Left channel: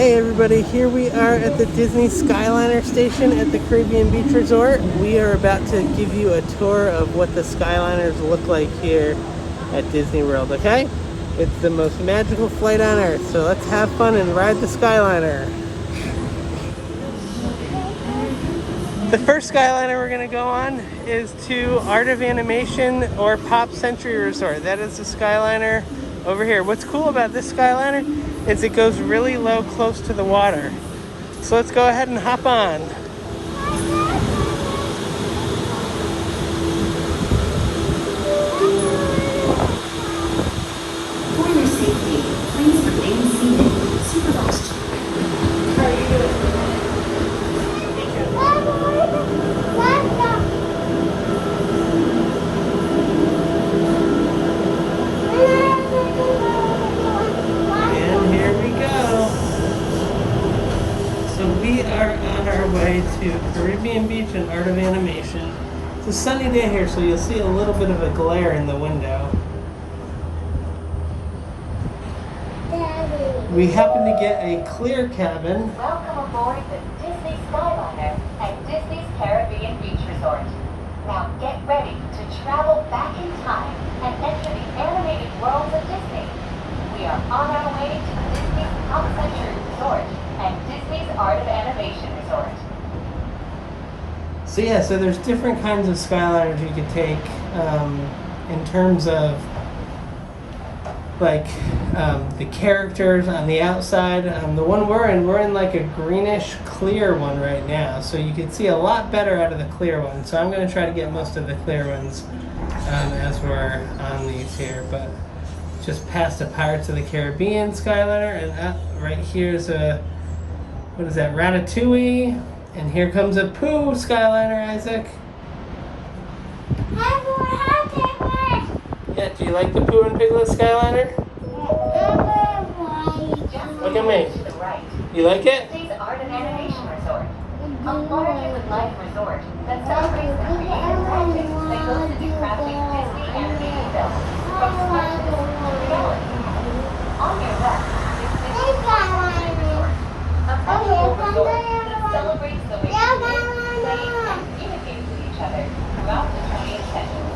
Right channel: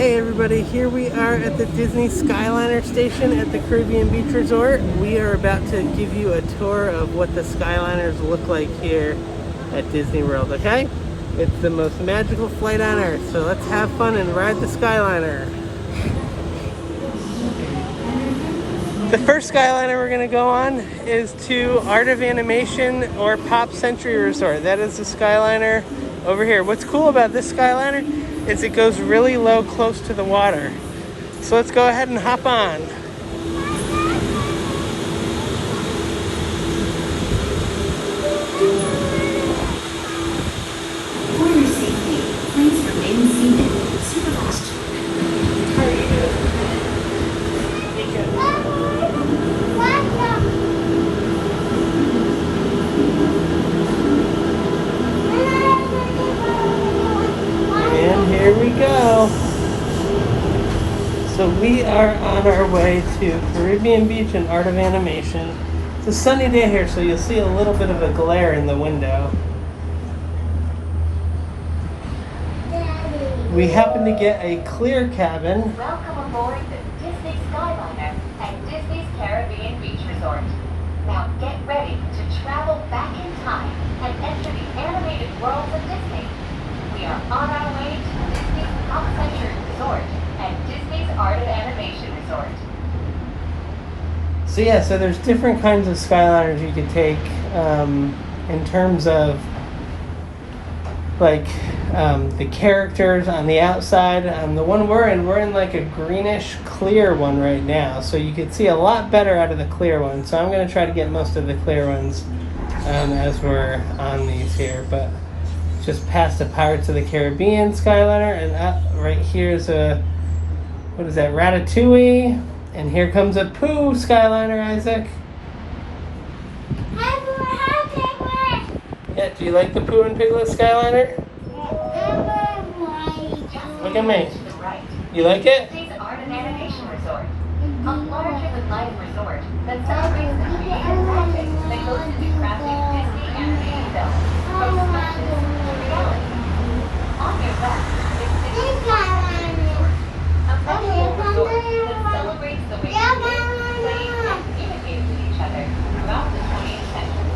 Hey everybody, here we are at the Disney Skyliner station at the Caribbean Beach Resort. We are about to give you a tour of what the Skyliners look like here at Disney World, okay? It's the most magical flight on earth, so let's have fun and ride the Skyliner. The first Skyliner we're going to go on is to Art of Animation or Pop Century Resort. That is the Skyliner over here. What's cool about this Skyliner is it goes really low, close to the water. So let's go ahead and hop on. For your safety, please remain seated. Supervise children. And here we go. So we are on our way to Caribbean Beach and Art of Animation. It's a sunny day here, so you'll see a little bit of a glare in the window. We happen to get a clear cabin. Welcome aboard the Disney Skyliner at Disney's Caribbean Beach Resort. Now get ready to travel back in time and enter the animated worlds of Disney. We are on our way to Disney's Pop Century Resort and Disney's Art of Animation Resort. So yeah, so there's different kinds of Skyliners you could take in terms of like the characters on the outside. The one we're in like a greenish clear one right now, so you can see a lot better out of the clear one. So I'm going to try to get most of the clear ones as we're on these here. But just past the Pirates of the Caribbean Skyliner, and right here's a, what is that, Ratatouille, and here comes a Pooh Skyliner, Isaac. Yeah, do you like the Pooh and Piglet Skyliner? Look at me. To the right, You like it? Disney's Art of Animation Resort. A larger-than-life resort that celebrates the creative magic that goes into crafting Disney animated films from sketches to reality. On your left is Disney's Pop Century Resort, a magical resort that celebrates the way we lived, played, and communicated with each other throughout the 20th century.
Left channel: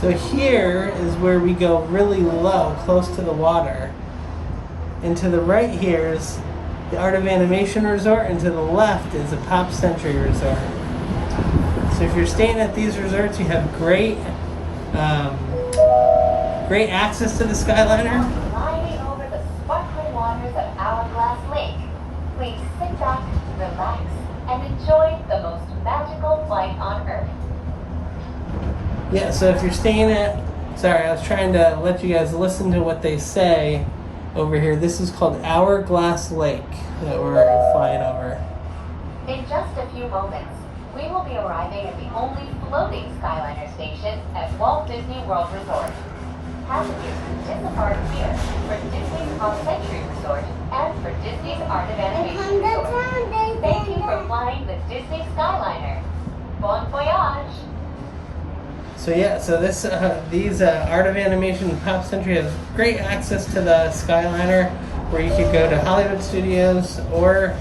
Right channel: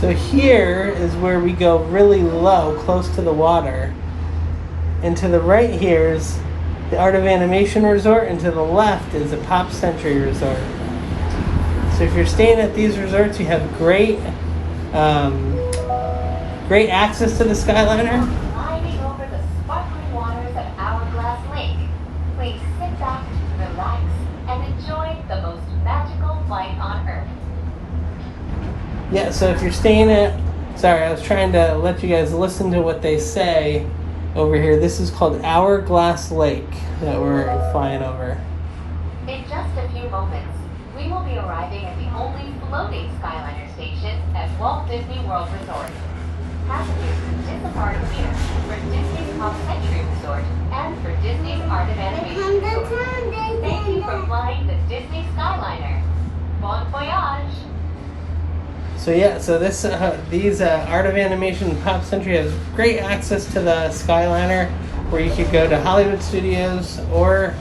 So here is where we go really low, close to the water. And to the right here is the Art of Animation Resort, and to the left is the Pop Century Resort. So if you're staying at these resorts, you have great access to the Skyliner. Gliding over the sparkling waters of Hourglass Lake, please sit back, relax, and enjoy the most magical flight on Earth. Yeah, so if you're staying at, sorry, I was trying to let you guys listen to what they say over here. This is called Hourglass Lake that we're flying over. In just a few moments, we will be arriving at the only floating Skyliner station at Walt Disney World Resort. Passengers can depart here for Disney's Pop Century Resort and for Disney's Art of Animation Resort. Thank you for flying the Disney Skyliner. Bon voyage! So yeah, so these Art of Animation and Pop Century has great access to the Skyliner, where you could go to Hollywood Studios or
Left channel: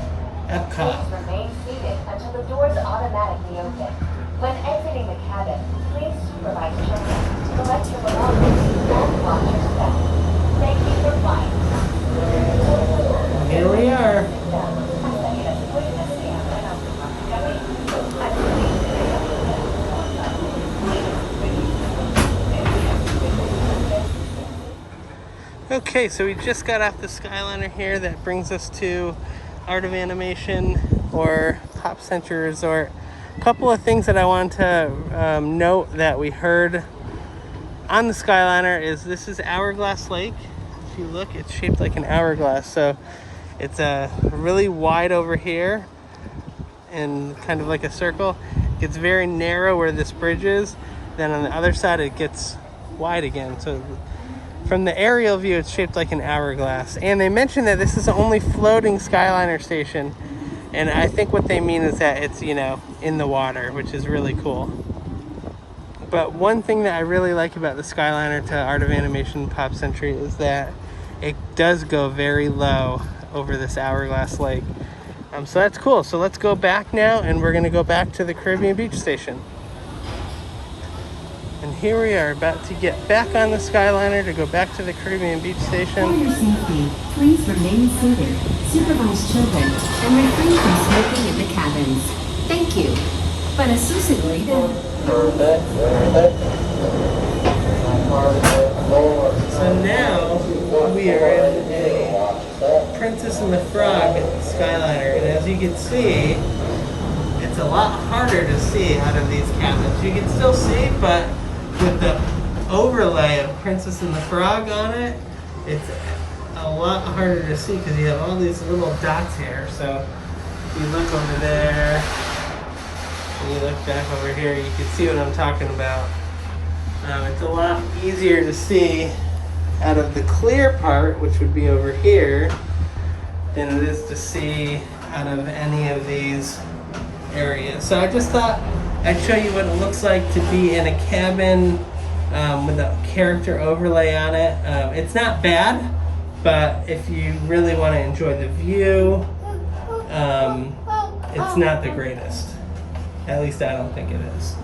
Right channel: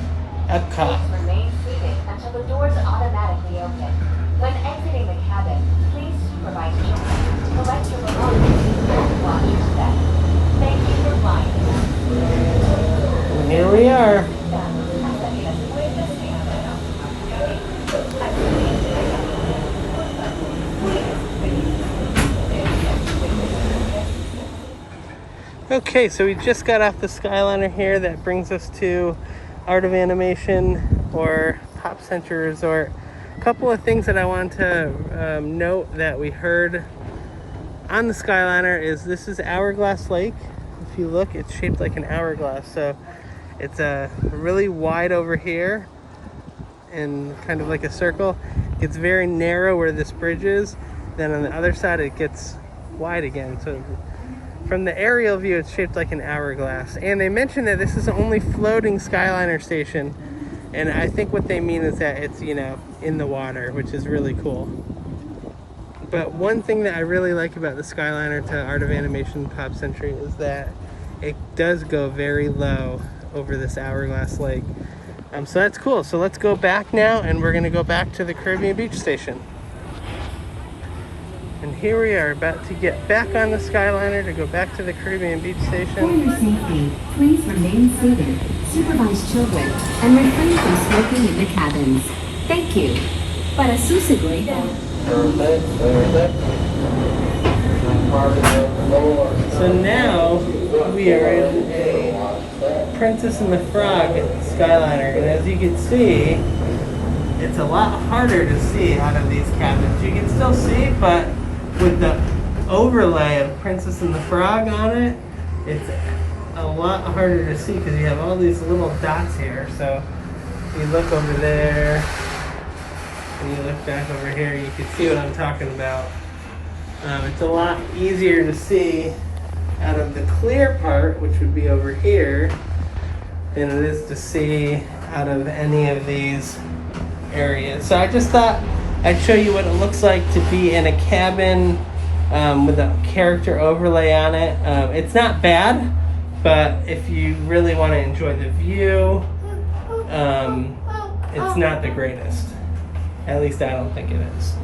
Epcot. Please remain seated until the doors automatically open. When exiting the cabin, please supervise children, collect your belongings, and watch your step. Thank you for flying. And here we are. Okay, so we just got off the Skyliner here. That brings us to Art of Animation or Pop Century Resort. A couple of things that I want to note that we heard on the Skyliner is this is Hourglass Lake. If you look, it's shaped like an hourglass. So it's really wide over here and kind of like a circle. It's very narrow where this bridge is. Then on the other side, it gets wide again. So from the aerial view, it's shaped like an hourglass. And they mentioned that this is the only floating Skyliner station. And I think what they mean is that it's, you know, in the water, which is really cool. But one thing that I really like about the Skyliner to Art of Animation Pop Century is that it does go very low over this hourglass lake. So that's cool. So let's go back now, and we're gonna go back to the Caribbean Beach Station. And here we are about to get back on the Skyliner to go back to the Caribbean Beach For Station. your safety, please remain seated, supervise children, and refrain from smoking in the cabins. Thank you. Para su seguridad. So now we are in a Princess and the Frog Skyliner, and as you can see, it's a lot harder to see out of these cabins. You can still see, but with the overlay of Princess and the Frog on it, it's a lot harder to see because you have all these little dots here. So if you look over there and you look back over here, you can see what I'm talking about. It's a lot easier to see out of the clear part, which would be over here, than it is to see out of any of these areas. So I just thought I'd show you what it looks like to be in a cabin with a character overlay on it. It's not bad, but if you really want to enjoy the view, it's not the greatest. At least I don't think it is.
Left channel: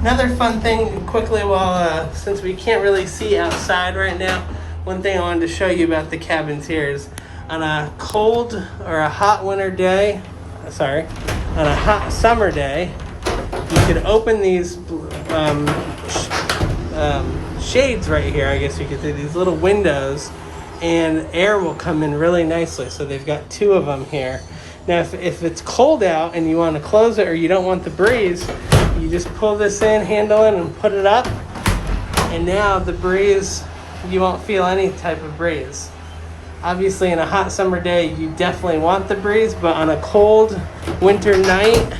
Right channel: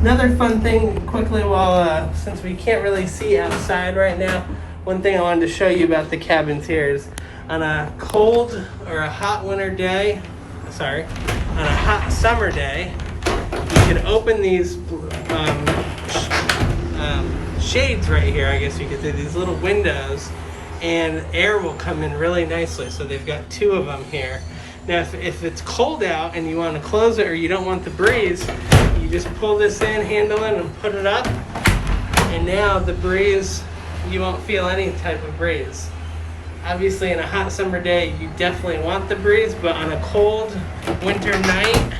Another fun thing, quickly, while since we can't really see outside right now, one thing I wanted to show you about the cabins here is on a cold or a hot winter day, on a hot summer day, you can open these shades right here, I guess you could say, these little windows, and air will come in really nicely. So they've got two of them here. Now, if it's cold out and you want to close it or you don't want the breeze, you just pull this in, handle it, and put it up. And now the breeze, you won't feel any type of breeze. Obviously, in a hot summer day, you definitely want the breeze, but on a cold winter night,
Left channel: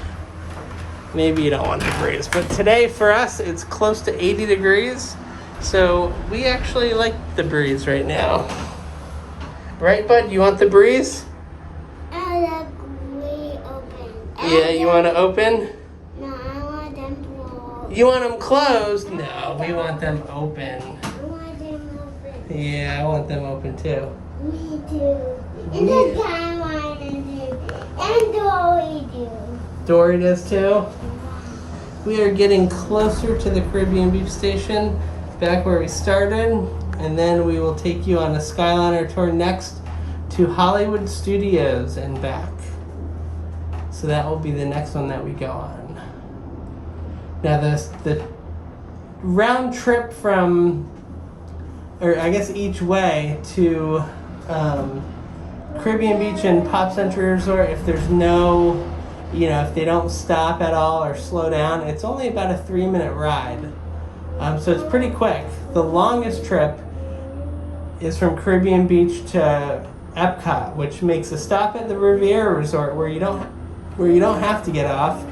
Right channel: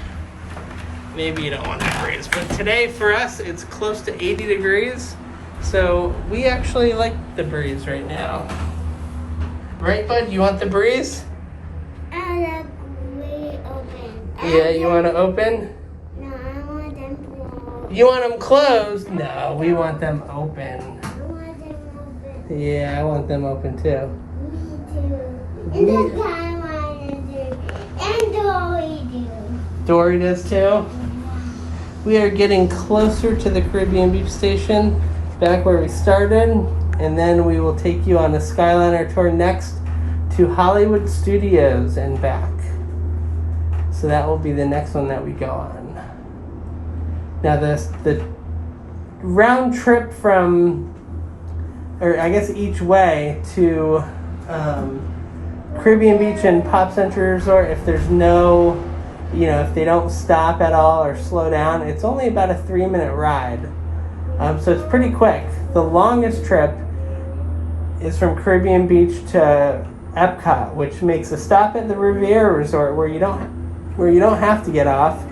maybe you don't want the breeze. But today, for us, it's close to 80 degrees, so we actually like the breeze right now. Right, bud? You want the breeze? I like we open. Yeah, you want to open? No, I want them closed. You want them closed? No, we want them open. I want them open. Yeah, I want them open too. Me too. And the time I do. And Dory do. Dory does too. We are getting closer to the Caribbean Beach Station, back where we started, and then we will take you on a Skyliner tour next to Hollywood Studios and back. So that will be the next one that we go on. Now the round trip from, or I guess each way to Caribbean Beach and Pop Century Resort, if there's no, if they don't stop at all or slow down, it's only about a 3-minute ride. So it's pretty quick. The longest trip is from Caribbean Beach to Epcot, which makes a stop at the Riviera Resort where you don't have to get off,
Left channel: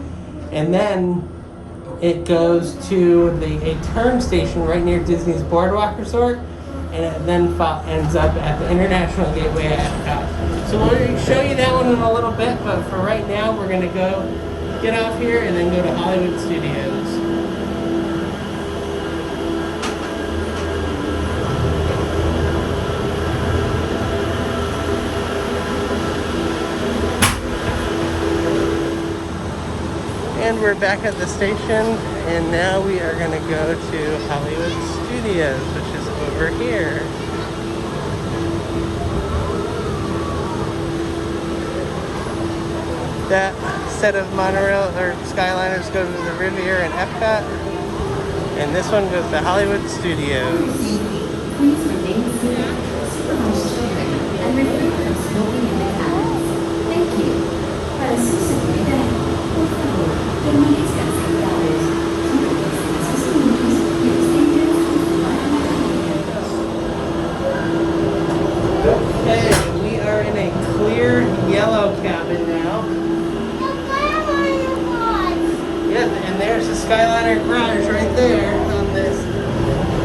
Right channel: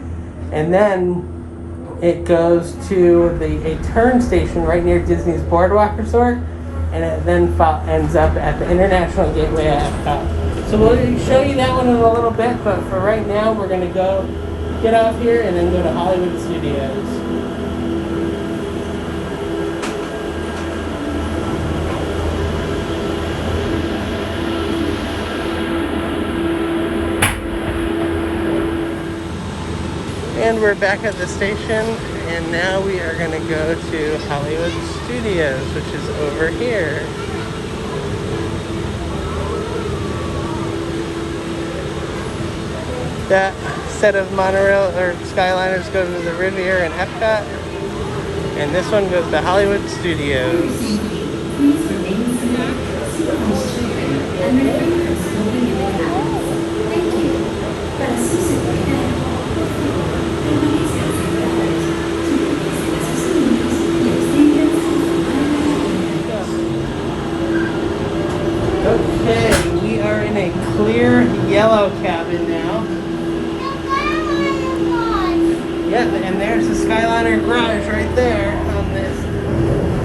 and then it goes to a turn station right near Disney's Boardwalk Resort, and it then ends up at the International Gateway at Epcot. So we'll show you that one in a little bit, but for right now, we're gonna go get off here and then go to Hollywood Studios. And we're back at the station, and now we are going to go to Hollywood Studios, which is over here. That set of monorail or Skyliners go to the Riviera and Epcot, and this one goes to Hollywood Studios. Please remain seated, supervise children, and refrain from smoking in the cabins. Thank you. Para su seguridad, por favor, permanezcan sentados. Okay, we are in a clear yellow cabin now. Yeah, and there's the Skyliner garage right there. On this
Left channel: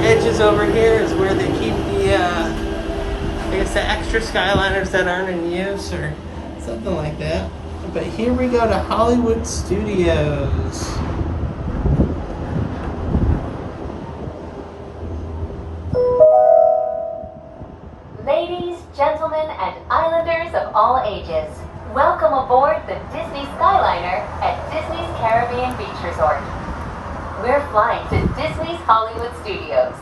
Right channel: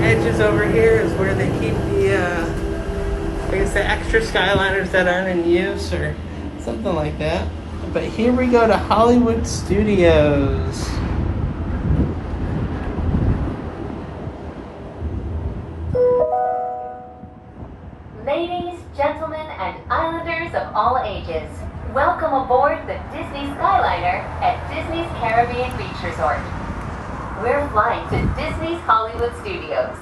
edges over here is where they keep the, I guess the extra Skyliners that aren't in use or something like that. But here we go to Hollywood Studios. gentlemen, and islanders of all ages. Welcome aboard the Disney Skyliner at Disney's Caribbean Beach Resort. We're flying to Disney's Hollywood Studios.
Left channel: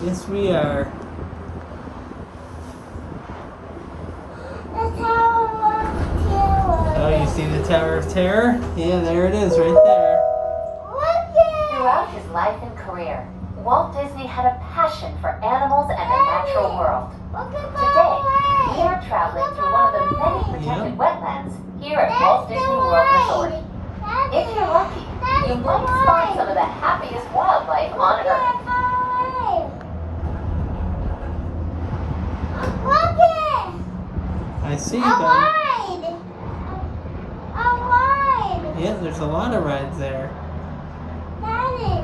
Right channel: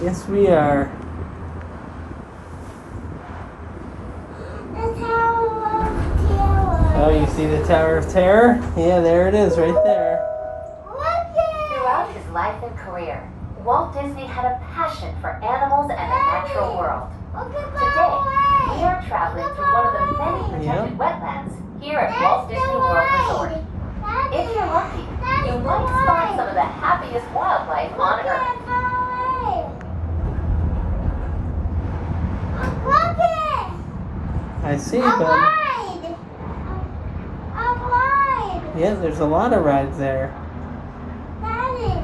Yes, we are. The Tower of Terror. Oh, you see the Tower of Terror? Yeah, there it is, right there. Look at Throughout his life and career, Walt Disney had a passion for animals and the natural world. Today, we are traveling through one of the many protected wetlands here at Walt Disney World Resort. If you're lucky, you might spot some of the happiest wildlife on Earth. Look at I see, a bud. ride. A ride. Yeah, there's a lot of rides there. Daddy.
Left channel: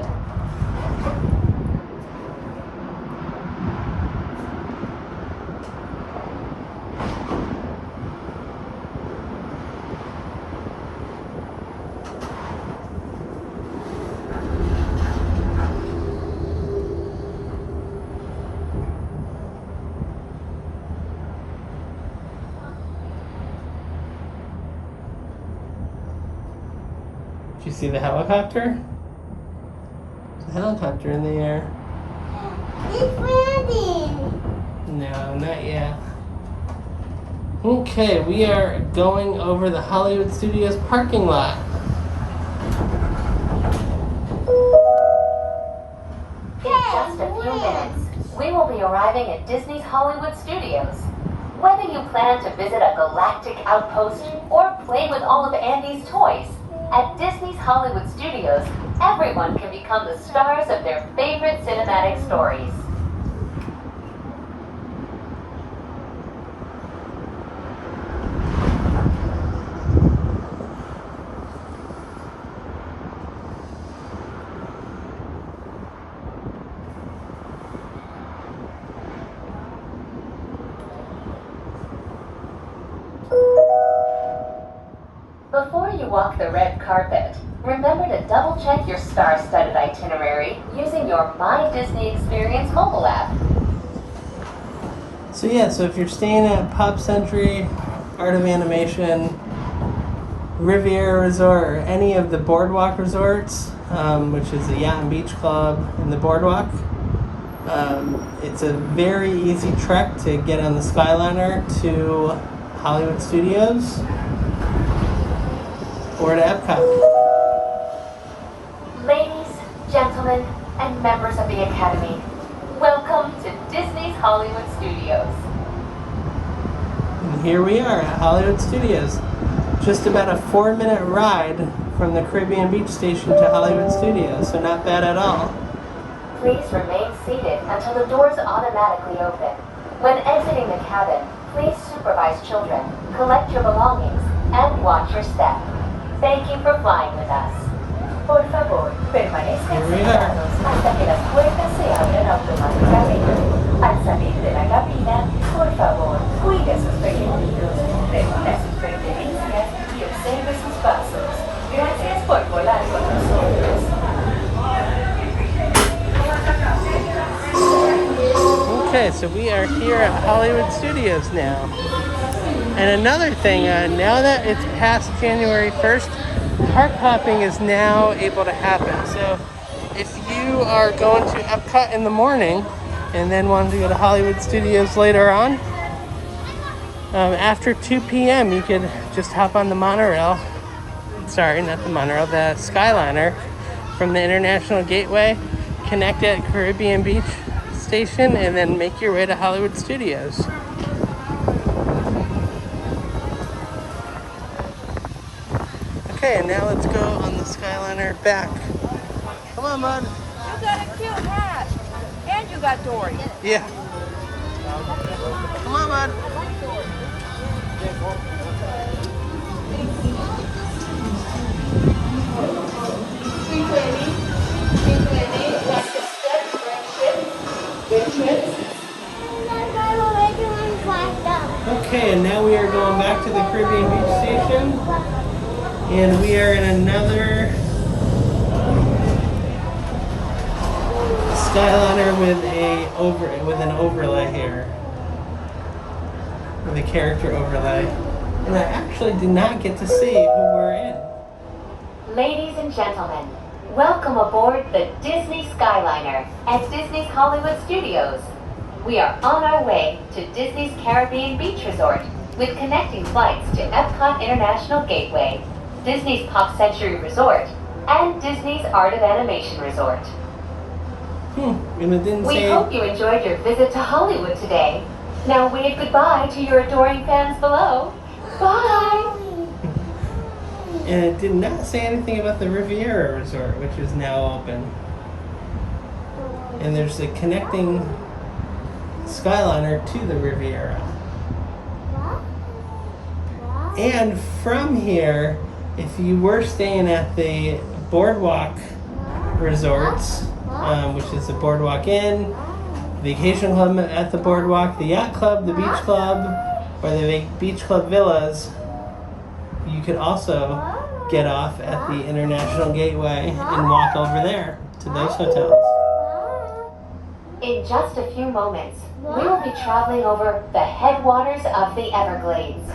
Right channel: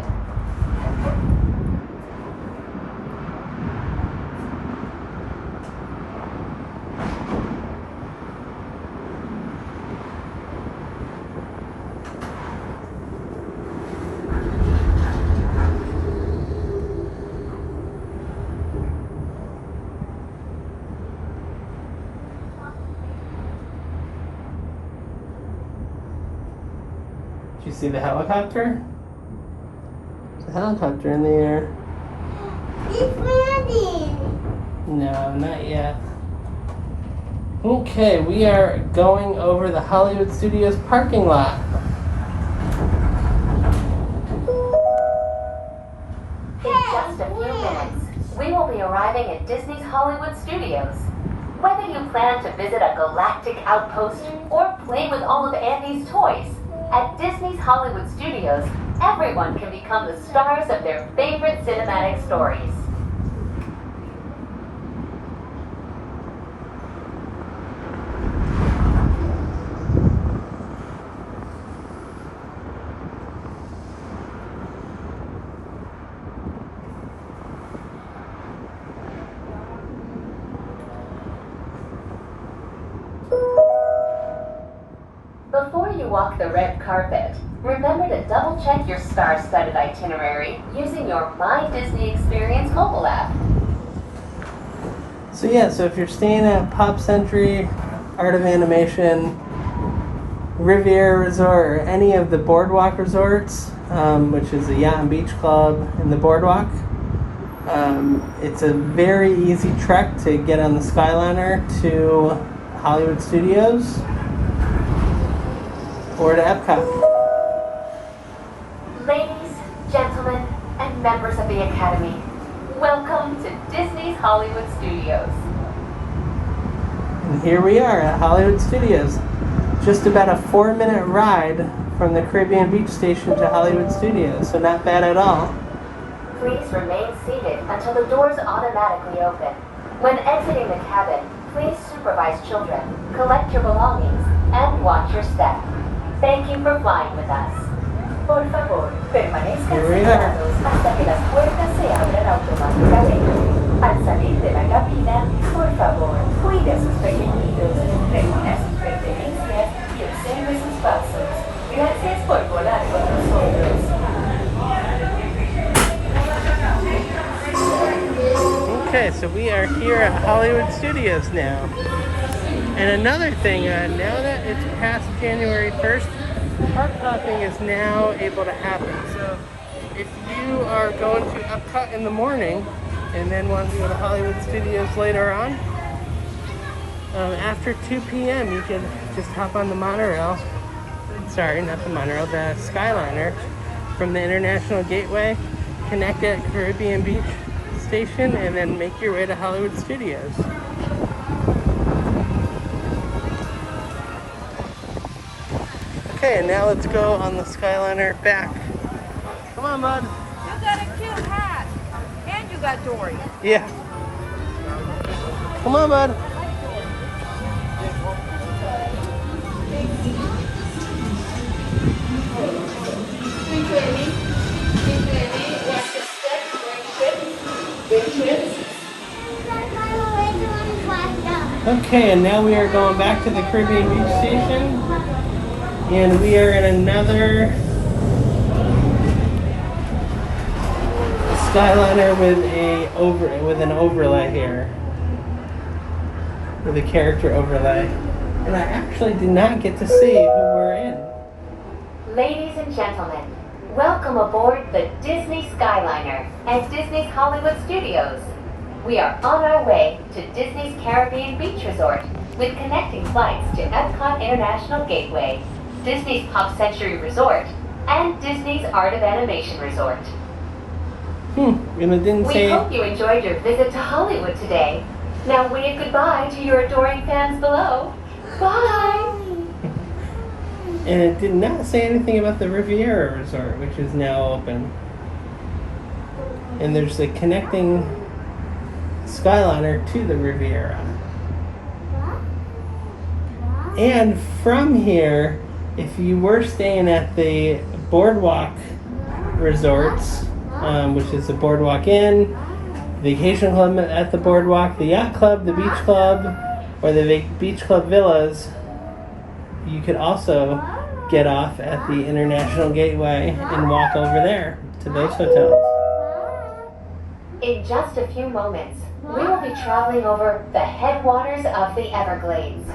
Did you see the helicopter? There's a helicopter in the air. It's landing. No, not yet. Okay, we are going over the Hollywood Studios parking lot. In just a few minutes, we will be arriving at Disney's Hollywood Studios. Whether you plan to visit a galactic outpost or play with all of Andy's toys, at Disney's Hollywood Studios, everyone can become the stars of their favorite cinematic stories. Before you walk the red carpet, remember to double-check your star-studded itinerary using your My Disney Experience mobile app. So yeah, so if you're staying at Pop Century, Art of Animation, Riviera Resort, or any of the Boardwalk resorts, which is the Yacht and Beach Club and the Boardwalk, it's a very easy trek to get on the Skyliner to Hollywood Studios or to Epcot. Ladies, gentlemen, and members of the Academy, welcome to Disney's Hollywood Studios. And here we are at Hollywood Studios. Just about a 4-minute ride from the Caribbean Beach Station to Hollywood Studios, so not bad at all. Please remain seated until the doors automatically open. When exiting the cabin, please supervise children, collect your belongings, and watch your step. Thank you for flying with us. Por favor, permanezcan Here we are. sentados hasta que las puertas se abran automáticamente. Al salir de la cabina, por favor, cuide a sus pequeñitos, reúna sus pertenencias y observe sus pasos. Gracias por volar con nosotros. Okay, so we are here at Hollywood Studios now. And another thing, now that it's past January 1st, park hopping is now able to happen. So if you are going to Epcot in the morning and then want to go to Hollywood Studios later on, after 2 p.m. you could just hop on the monorail, sorry, not the monorail, the Skyliner from the International Gateway, connect at Caribbean Beach Station, and then make your way to Hollywood Studios. Okay, and now let's go on the Skyliner back. Come on, bud. You got a cute hat. And you got Dory. Yeah. Come on, bud. Okay, and now we are going back to the Caribbean Beach Station. And we are in another Skyliner with an overlay here, with a character overlay. And I actually did not get to see who we're in. Ladies and gentlemen, welcome aboard the Disney Skyliner at Disney's Hollywood Studios. We are on our way to Disney's Caribbean Beach Resort with connecting flights to Epcot International Gateway, Disney's Pop Century Resort, and Disney's Art of Animation Resort. And it didn't We say. hope you enjoyed your visit to Hollywood today. Now wave goodbye to your adoring fans below. Bye! And it did not say anything about the Riviera Resort, which is now open. And there's a connecting Skyliner to the Riviera. And from here, if you were staying at the Boardwalk Resorts, which is the Boardwalk Inn, Vacation Club at the Boardwalk, the Yacht Club, the Beach Club, or the Beach Club Villas, you could also get off at the International Gateway and walk over there to those hotels. In just a few moments, we will be traveling over the headwaters of the Everglades.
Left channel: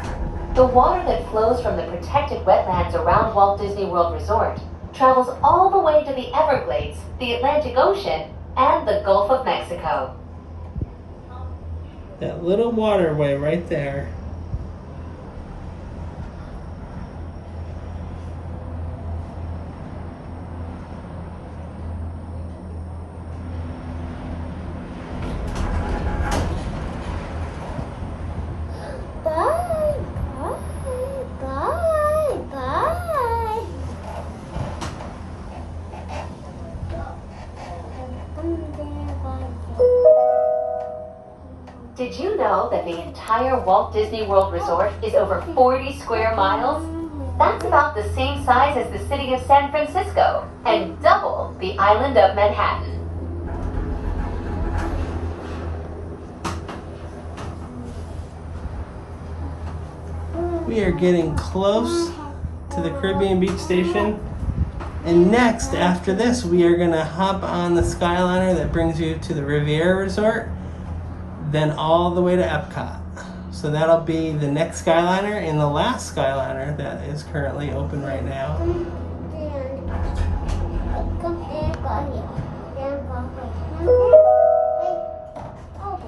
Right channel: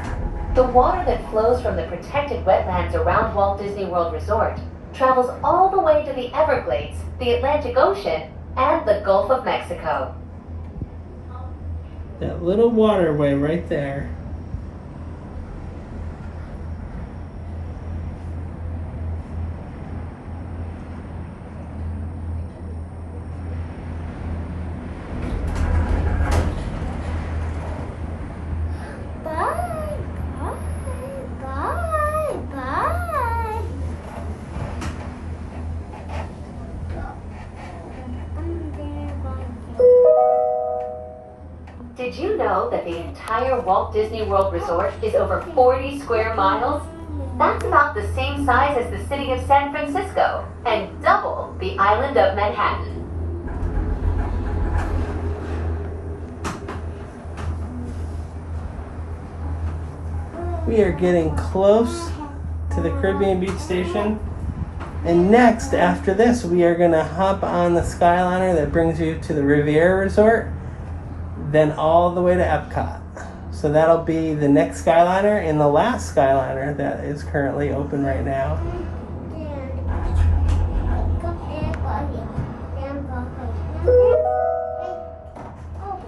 The water that flows from the protected wetlands around Walt Disney World Resort travels all the way to the Everglades, the Atlantic Ocean, and the Gulf of Mexico. That little waterway right there. Did you know that the entire Walt Disney World Resort is over 40 square miles? That's about the same size as the city of San Francisco and double the island of Manhattan. We are getting close to the Caribbean Beach Station. And next, after this, we are going to hop on the Skyliner that brings you to the Riviera Resort, then all the way to Epcot. So that'll be the next Skyliner and the last Skyliner that is currently open right now.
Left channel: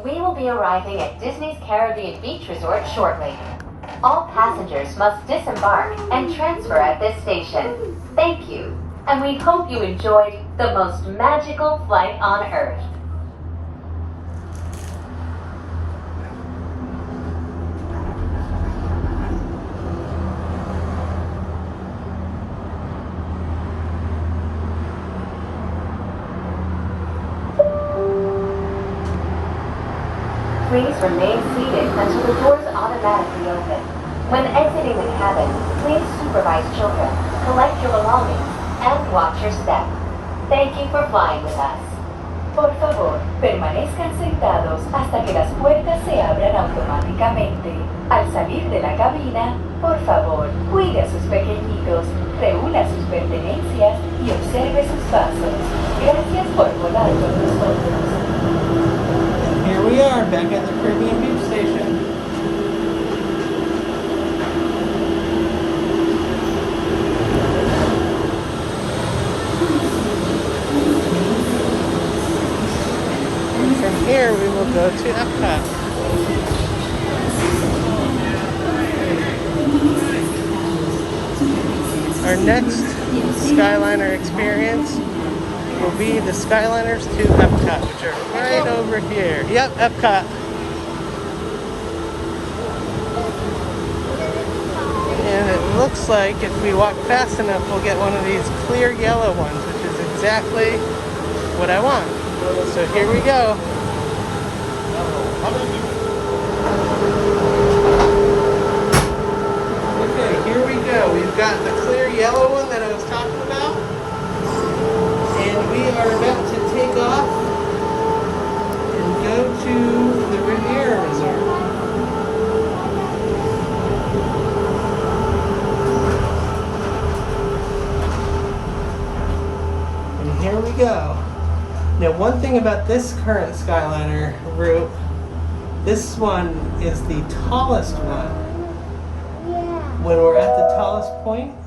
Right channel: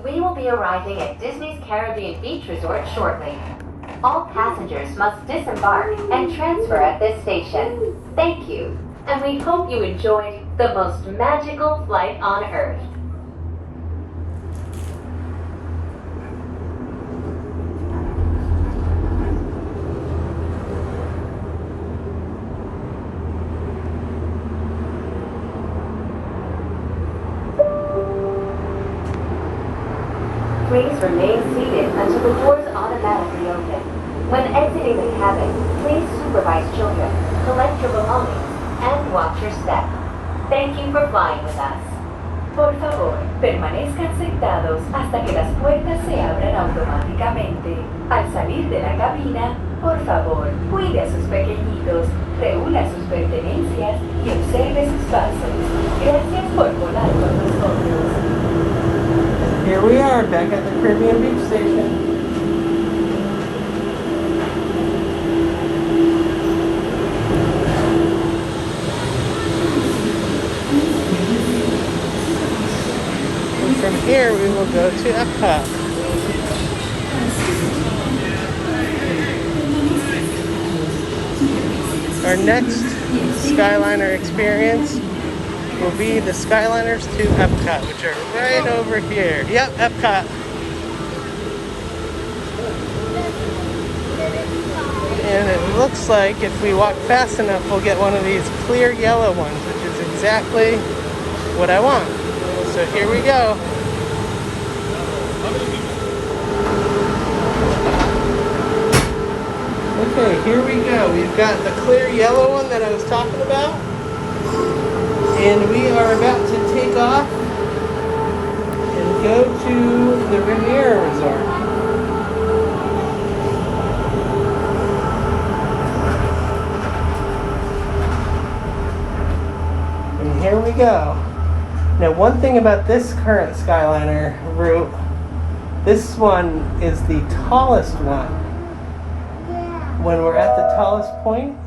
We will be arriving at Disney's Caribbean Beach Resort shortly. All passengers must disembark and transfer at this station. Thank you, and we hope you enjoyed the most magical flight on Earth. Please remain seated until the doors automatically open. When exiting the cabin, please supervise children, collect your belongings, and watch your step. Thank you for flying with us. Por favor, permanezcan sentados hasta que las puertas se abran automáticamente. Al salir de la cabina, por favor, cuide a sus pequeñitos, reúna sus pertenencias y observe sus pasos. Gracias por volar con nosotros. Here we are, back at the Caribbean Beach Station. And from here, we will go to Epcot. Our next Skyliner experience will be the Skyliners to Epcot, which are right over here. Yep, Epcot. And it looks like if we walk fast enough, we'll get one of these clear yellow ones, which is exactly what I want. So here we go. Okay, here we go. We've got the clear yellow one that I was talking about. And we are about to take off and go to the Riviera Resort. And here we go. Now, one thing about this current Skyliner route, this one is the tallest one. When we're at the tallest point,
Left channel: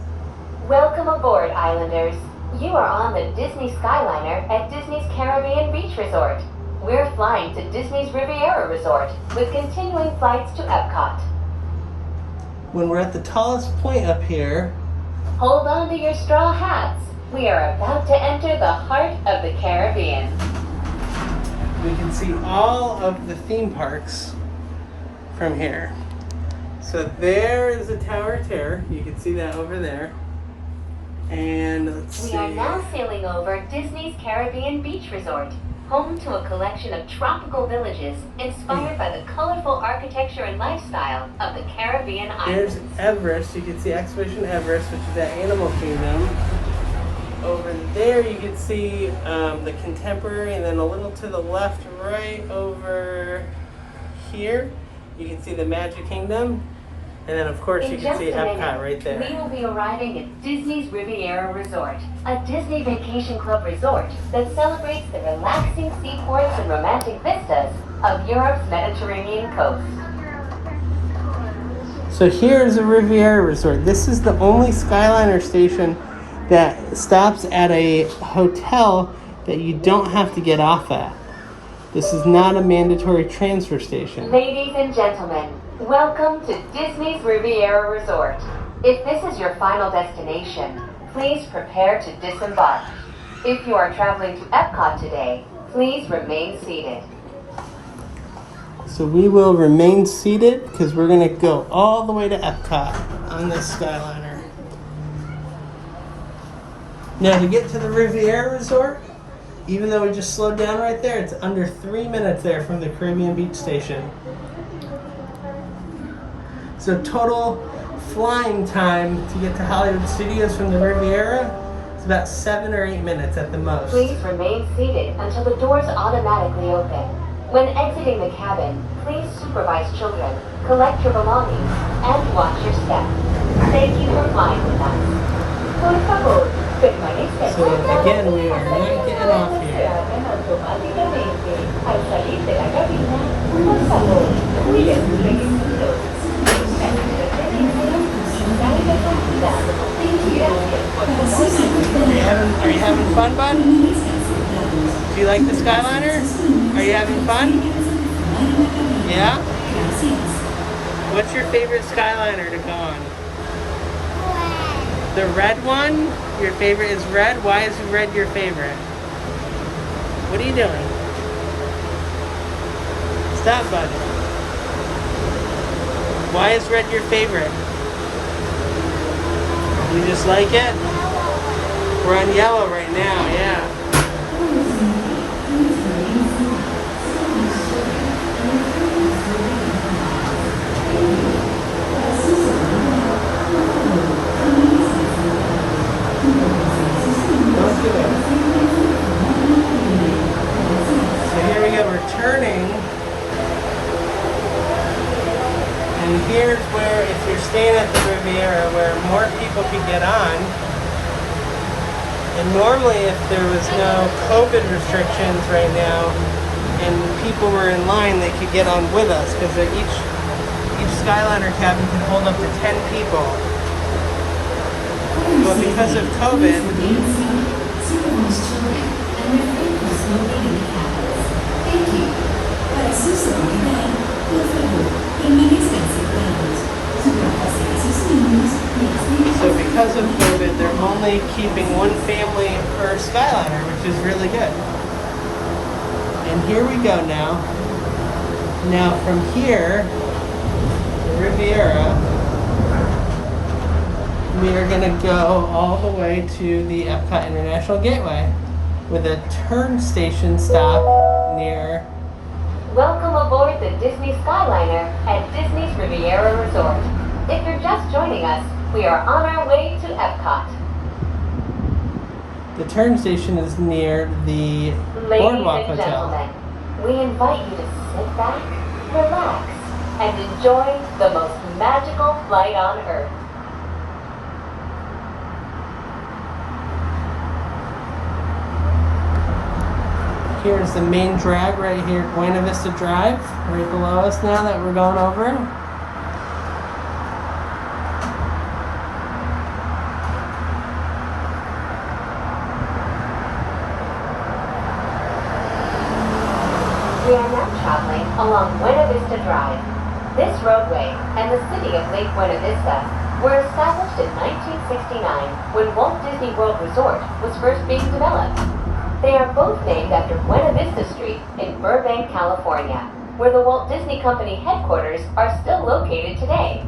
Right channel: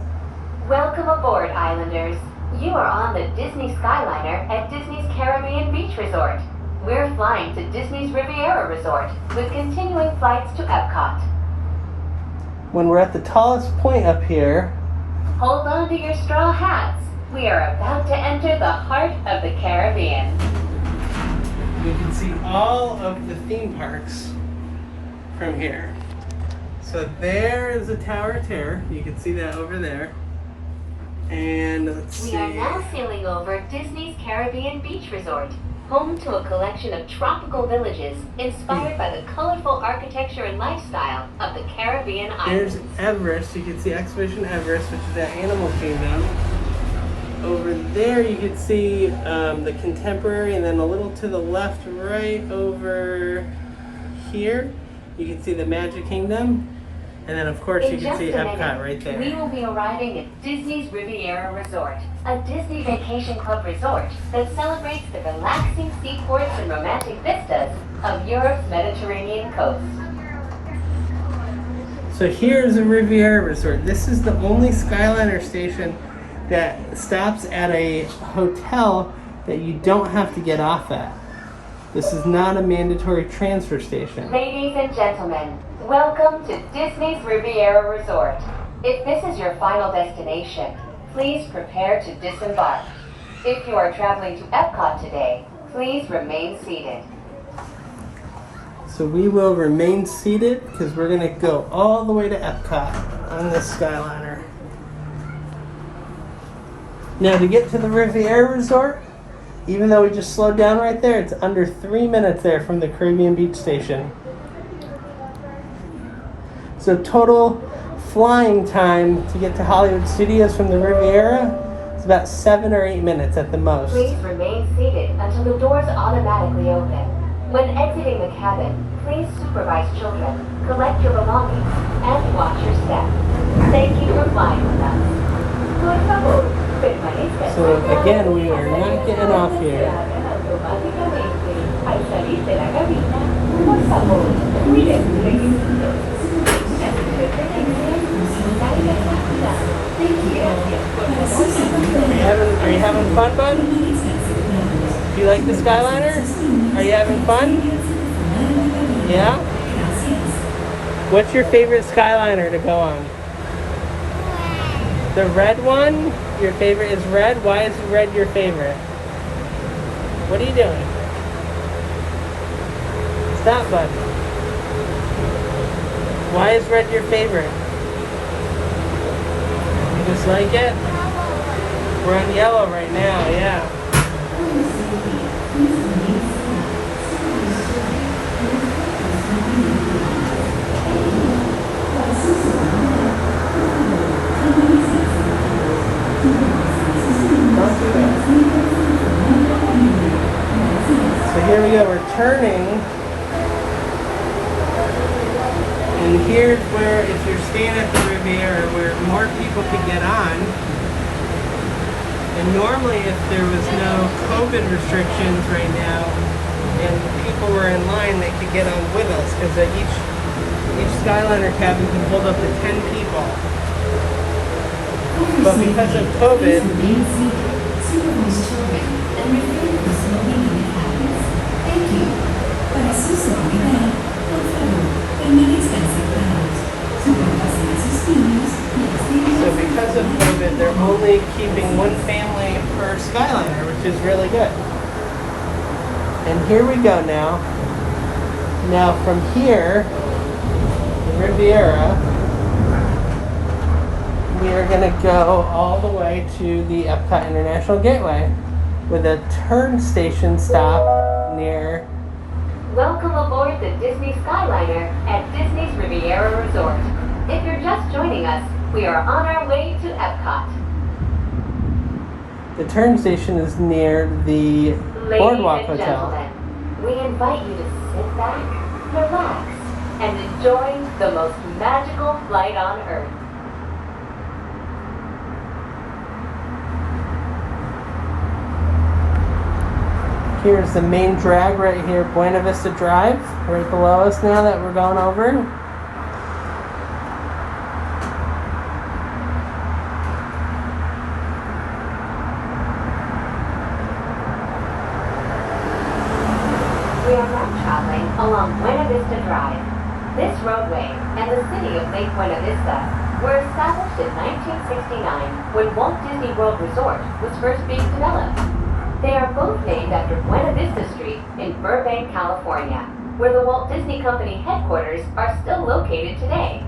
Welcome aboard, Islanders. You are on the Disney Skyliner at Disney's Caribbean Beach Resort. We're flying to Disney's Riviera Resort with continuing flights to Epcot. when we're at the tallest point up here, Hold on to your straw hats. We are about to enter the heart of the Caribbean. we can see all of the theme parks from here. So there is the Tower of Terror. You can see that over there. And let's see. We are now sailing over Disney's Caribbean Beach Resort, home to a collection of tropical villages inspired by the colorful architecture and lifestyle of the Caribbean There's islands. Everest. You can see Expedition Everest, which is at Animal Kingdom. Over there you can see the Contemporary, and then a little to the left, right over here, you can see the Magic Kingdom. And then of course you In can just see a Epcot minute, right we there. will be arriving at Disney's Riviera Resort, a Disney Vacation Club resort that celebrates the relaxing seaports and romantic vistas of Europe's Mediterranean coast. So here's the Riviera Resort. This is the only Skyliner station that stops at a hotel that you don't have to get off at. This is not a mandatory transfer station. Ladies and gentlemen, welcome to Disney's Riviera Resort. If this is your final destination, please prepare to disembark. If you are traveling to Epcot today, please remain seated. So we will remain seated because we're going to go all the way to Epcot on this Skyliner. Now to get to the Riviera Resort, even though we just slowed down right there, it's under 3 minutes there from the Caribbean Beach Station. So total flying time to get to Hollywood Studios from the Riviera is about 7 or 8 minutes at the most. Please remain seated until the doors automatically open. When exiting the cabin, please supervise children, collect your belongings, and watch your step. Thank you for flying with us. Por favor, permanezca So sentado again, we are hasta not que getting off las here. puertas se abran automáticamente. Al salir de la cabina, por favor, cuide sus requisitos. Nuestra preferencia y salga con cuidado. Gracias por Are you having fun, bud? Do you like the Skyliner? Are you having fun? Yeah? What's your favorite Skyliner to go on? The red one? Your favorite is red? Why is red your favorite? What are you doing? Stop, bud. Why is red your favorite? You just like it? We're on yellow right now, yeah. Don't do that. So here we go, we're turning. And here's where, if you're staying at the Riviera, where more people could get on. And normally if there was no COVID restrictions right now and people were in line, they could get on with us because each Skyliner cabin can hold up to 10 people. But because of COVID, so because of COVID, they're only keeping one family per Skyliner, which is really good. And here we go now. Now from here, the Riviera, we are going to go all the way to the Epcot International Gateway with a turn station stop near. Welcome aboard the Disney Skyliner at Disney's Riviera Resort. If you're just joining us, we are on our way to Epcot. The turn station is near the Boardwalk Ladies and Hotel. gentlemen, we invite you to sit back, relax, and enjoy the most magical flight on Earth. Here's the main drag right here, Buena Vista Drive, right below us now that we're going over. We are now traveling along Buena Vista Drive. This roadway and the city of Lake Buena Vista were established in 1969 when Walt Disney World Resort was first being developed. They are both named after Buena Vista Street in Burbank, California, where the Walt Disney Company headquarters are still located today.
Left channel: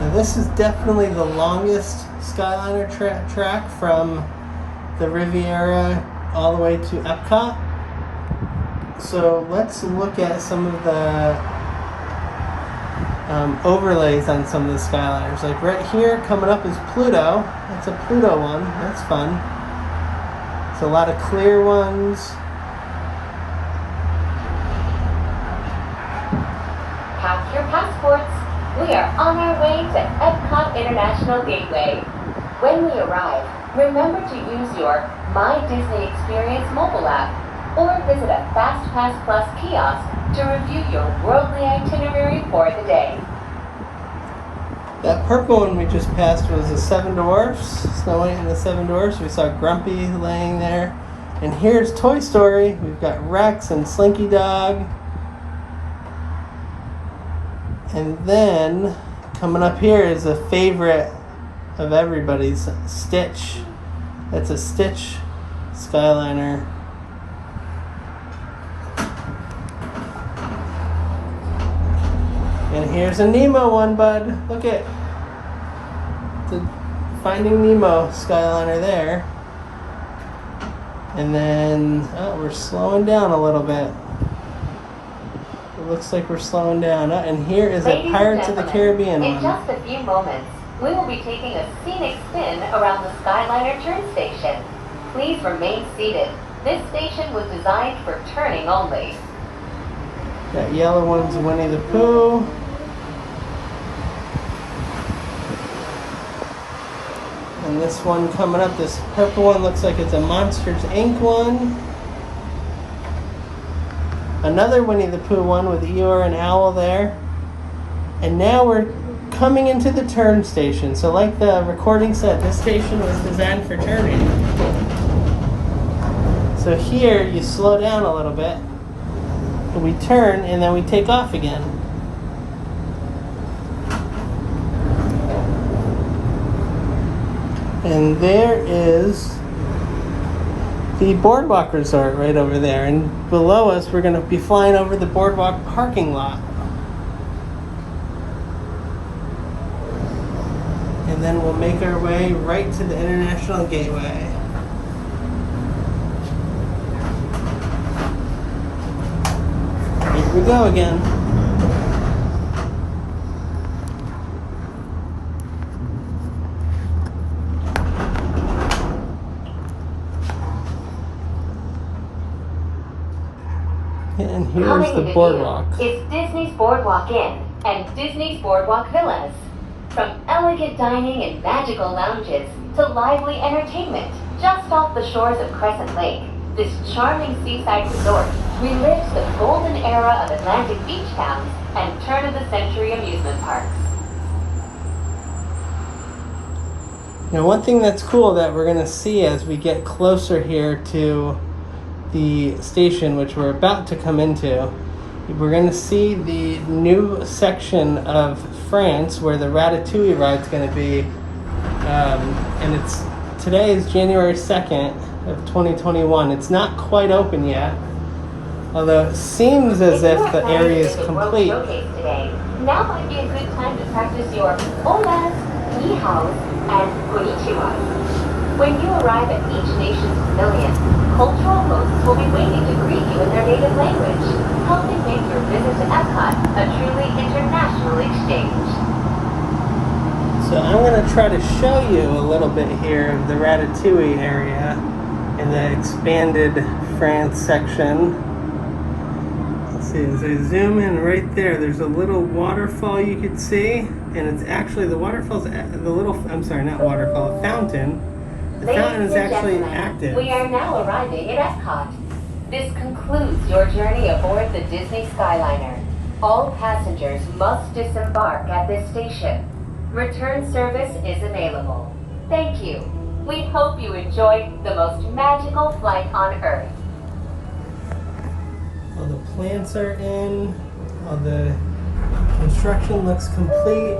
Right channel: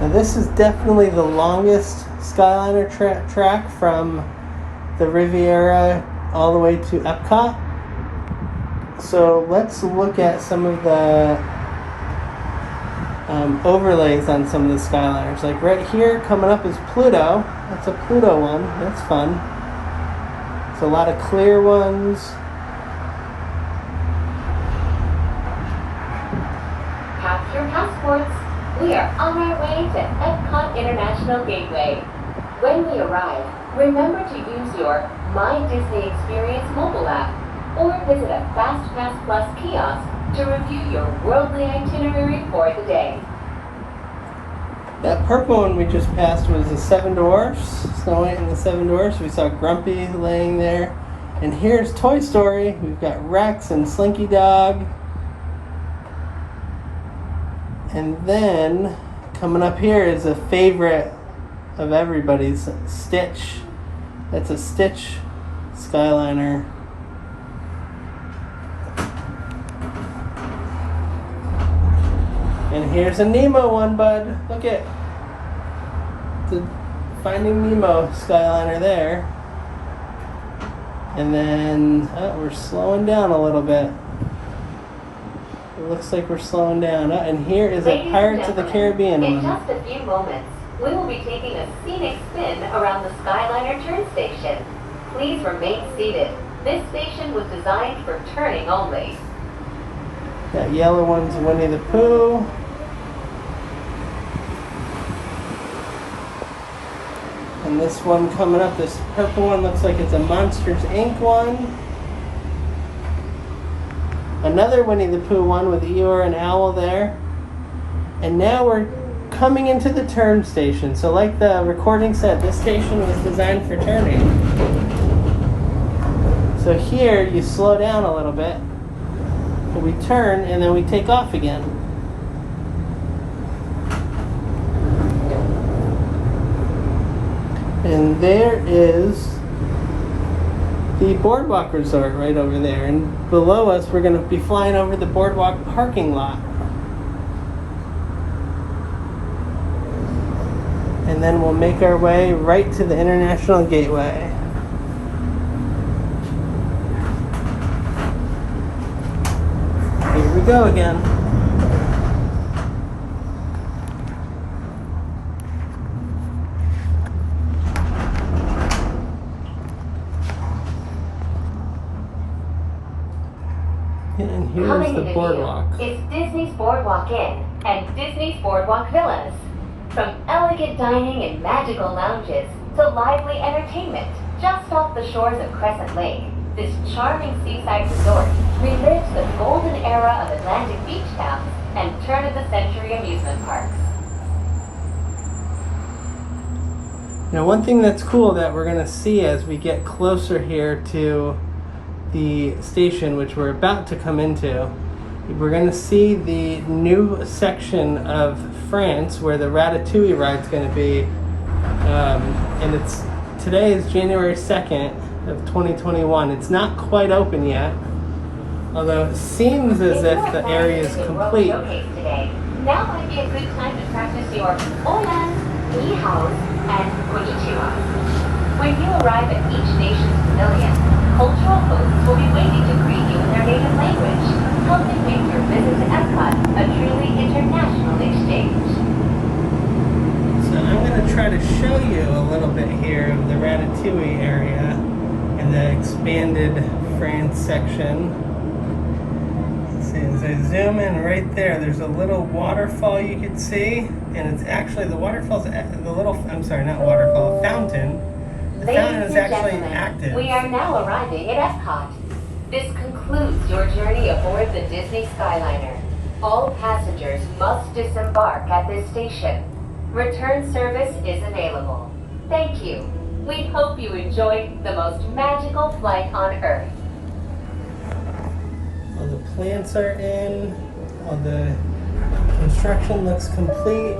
Now this is definitely the longest Skyliner track from the Riviera all the way to Epcot. So let's look at some of the overlays on some of the Skyliners. Like right here coming up is Pluto. That's a Pluto one. That's fun. It's a lot of clear ones. Pack your passports. We are on our way to Epcot International Gateway. When we arrive, remember to use your My Disney Experience mobile app or visit a FastPass Plus kiosk to review your worldly itinerary for the day. That purple one we just passed was the Seven Dwarfs, Snow White and the Seven Dwarfs. We saw Grumpy laying there. And here's Toy Story. We've got Rex and Slinky Dog. And then coming up here is a favorite of everybody's, Stitch. That's a Stitch Skyliner. And here's a Nemo one, bud. Look at the Finding Nemo Skyliner there. And then, oh, we're slowing down a little bit. It looks like we're slowing down. Oh, and here is a Pirates of the Caribbean in one. just a few moments, we will be taking a scenic spin around the Skyliner turn station. Please remain seated. This station was designed for turning only. That yellow one's Winnie the Pooh. And this one coming up, this purple one looks like it's a Monsters Inc. one. Another Winnie the Pooh one with Eeyore and Owl there. And now we're coming into the turn station. So like the recording said, this station was designed for turning. So here you slow down a little bit. We turn and then we take off again. And there is the Boardwalk Resort right over there. And below us, we're going to be flying over the Boardwalk parking lot. And then we'll make our way right to the International Gateway. Here we go again. And here's Coming the into boardwalk. view is Disney's Boardwalk Inn and Disney's Boardwalk Villas. From elegant dining and magical lounges to lively entertainment just off the shores of Crescent Lake, this charming seaside resort relives the golden era of Atlantic beach towns and turn-of-the-century amusement parks. Now, one thing that's cool that we're going to see as we get closer here to the station, which we're about to come into, we're going to see the new section of France where the Ratatouille ride's going to be. And today is January 2nd of 2021. It's not quite open yet, although it seems as if the area is complete. Today, now might be a good time to practice your hola, ni hao, and konnichiwa. When you arrive at each nation's pavilion, cultural hosts will be waiting to greet you in their native language, helping make your visit to Epcot a truly international exchange. So I'm going to try to show you a little bit here of the Ratatouille area and the expanded France section. Let's See, as I zoom in right there, there's a little waterfall you can see, and it's actually the waterfall's the little. I'm sorry, not waterfall, fountain. The fountain is actually active. We are now arriving at Epcot. This concludes your journey aboard the Disney Skyliner. All passengers must disembark at this station. Return service is available. Thank you. We hope you enjoyed the most magical flight on Earth. All the plants are in. All the construction looks complete.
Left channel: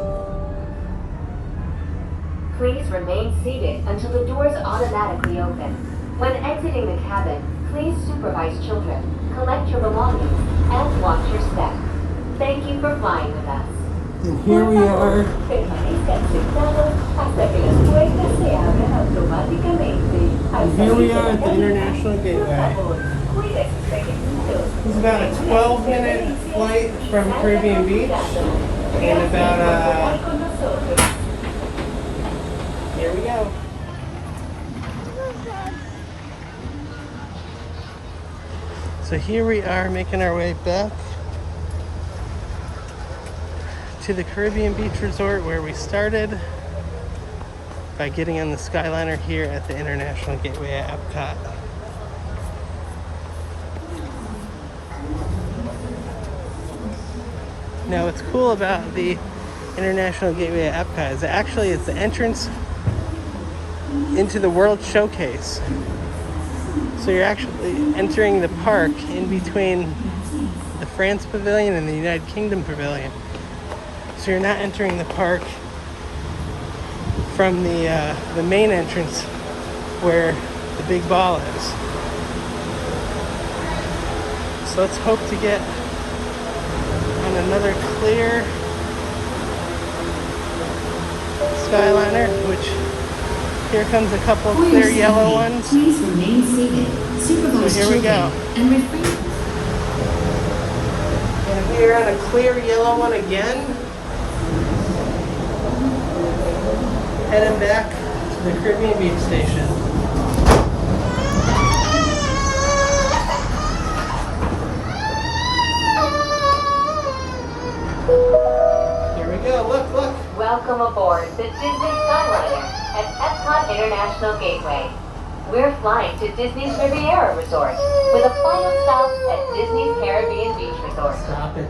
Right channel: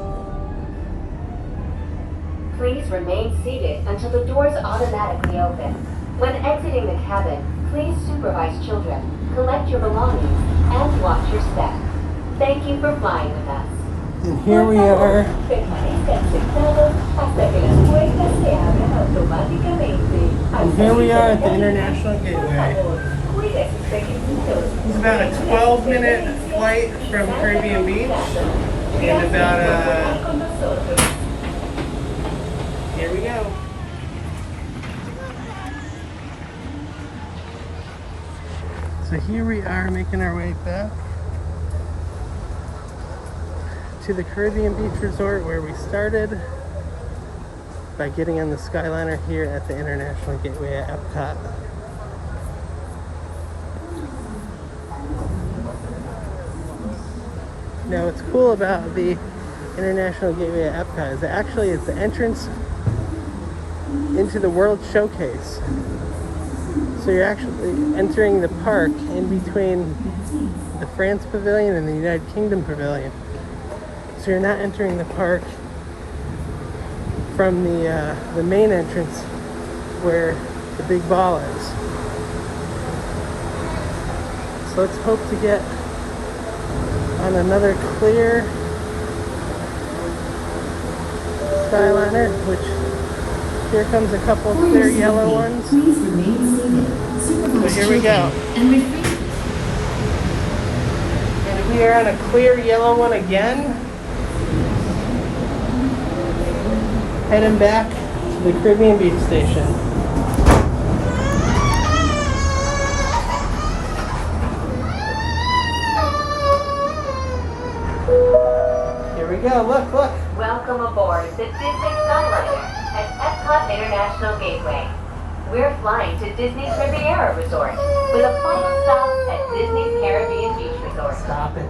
Please remain seated until the doors automatically open. When exiting the cabin, please supervise children, collect your belongings, and watch your step. Thank you for flying with us. And here we are. Permanezcan sentados hasta que las puertas se abran automáticamente. And here we are at the International Por Gateway. favor, cuide sus pequeñitos. It's about a 12-minute flight from Caribbean Beach, and about here we go. So here we are making our way back to the Caribbean Beach Resort where we started by getting on the Skyliner here at the International Gateway at Epcot. Now what's cool about the International Gateway at Epcot is actually it's the entrance into the World Showcase. So you're actually entering the park in between the France Pavilion and the United Kingdom Pavilion. So you're not entering the park from the main entrance where the big ball is. So let's hope to get on another clear Skyliner, which here comes a couple of clear yellow ones. Please remain seated. Supervise So here we go. children and refrain. And we are on a clear yellow one again. Heading back to the Caribbean Beach Station. Here we go, look. Welcome aboard the Disney Skyliner at Epcot International Gateway. We're flying to Disney's Riviera Resort with a final stop at Disney's Caribbean Beach Resort. Stop it.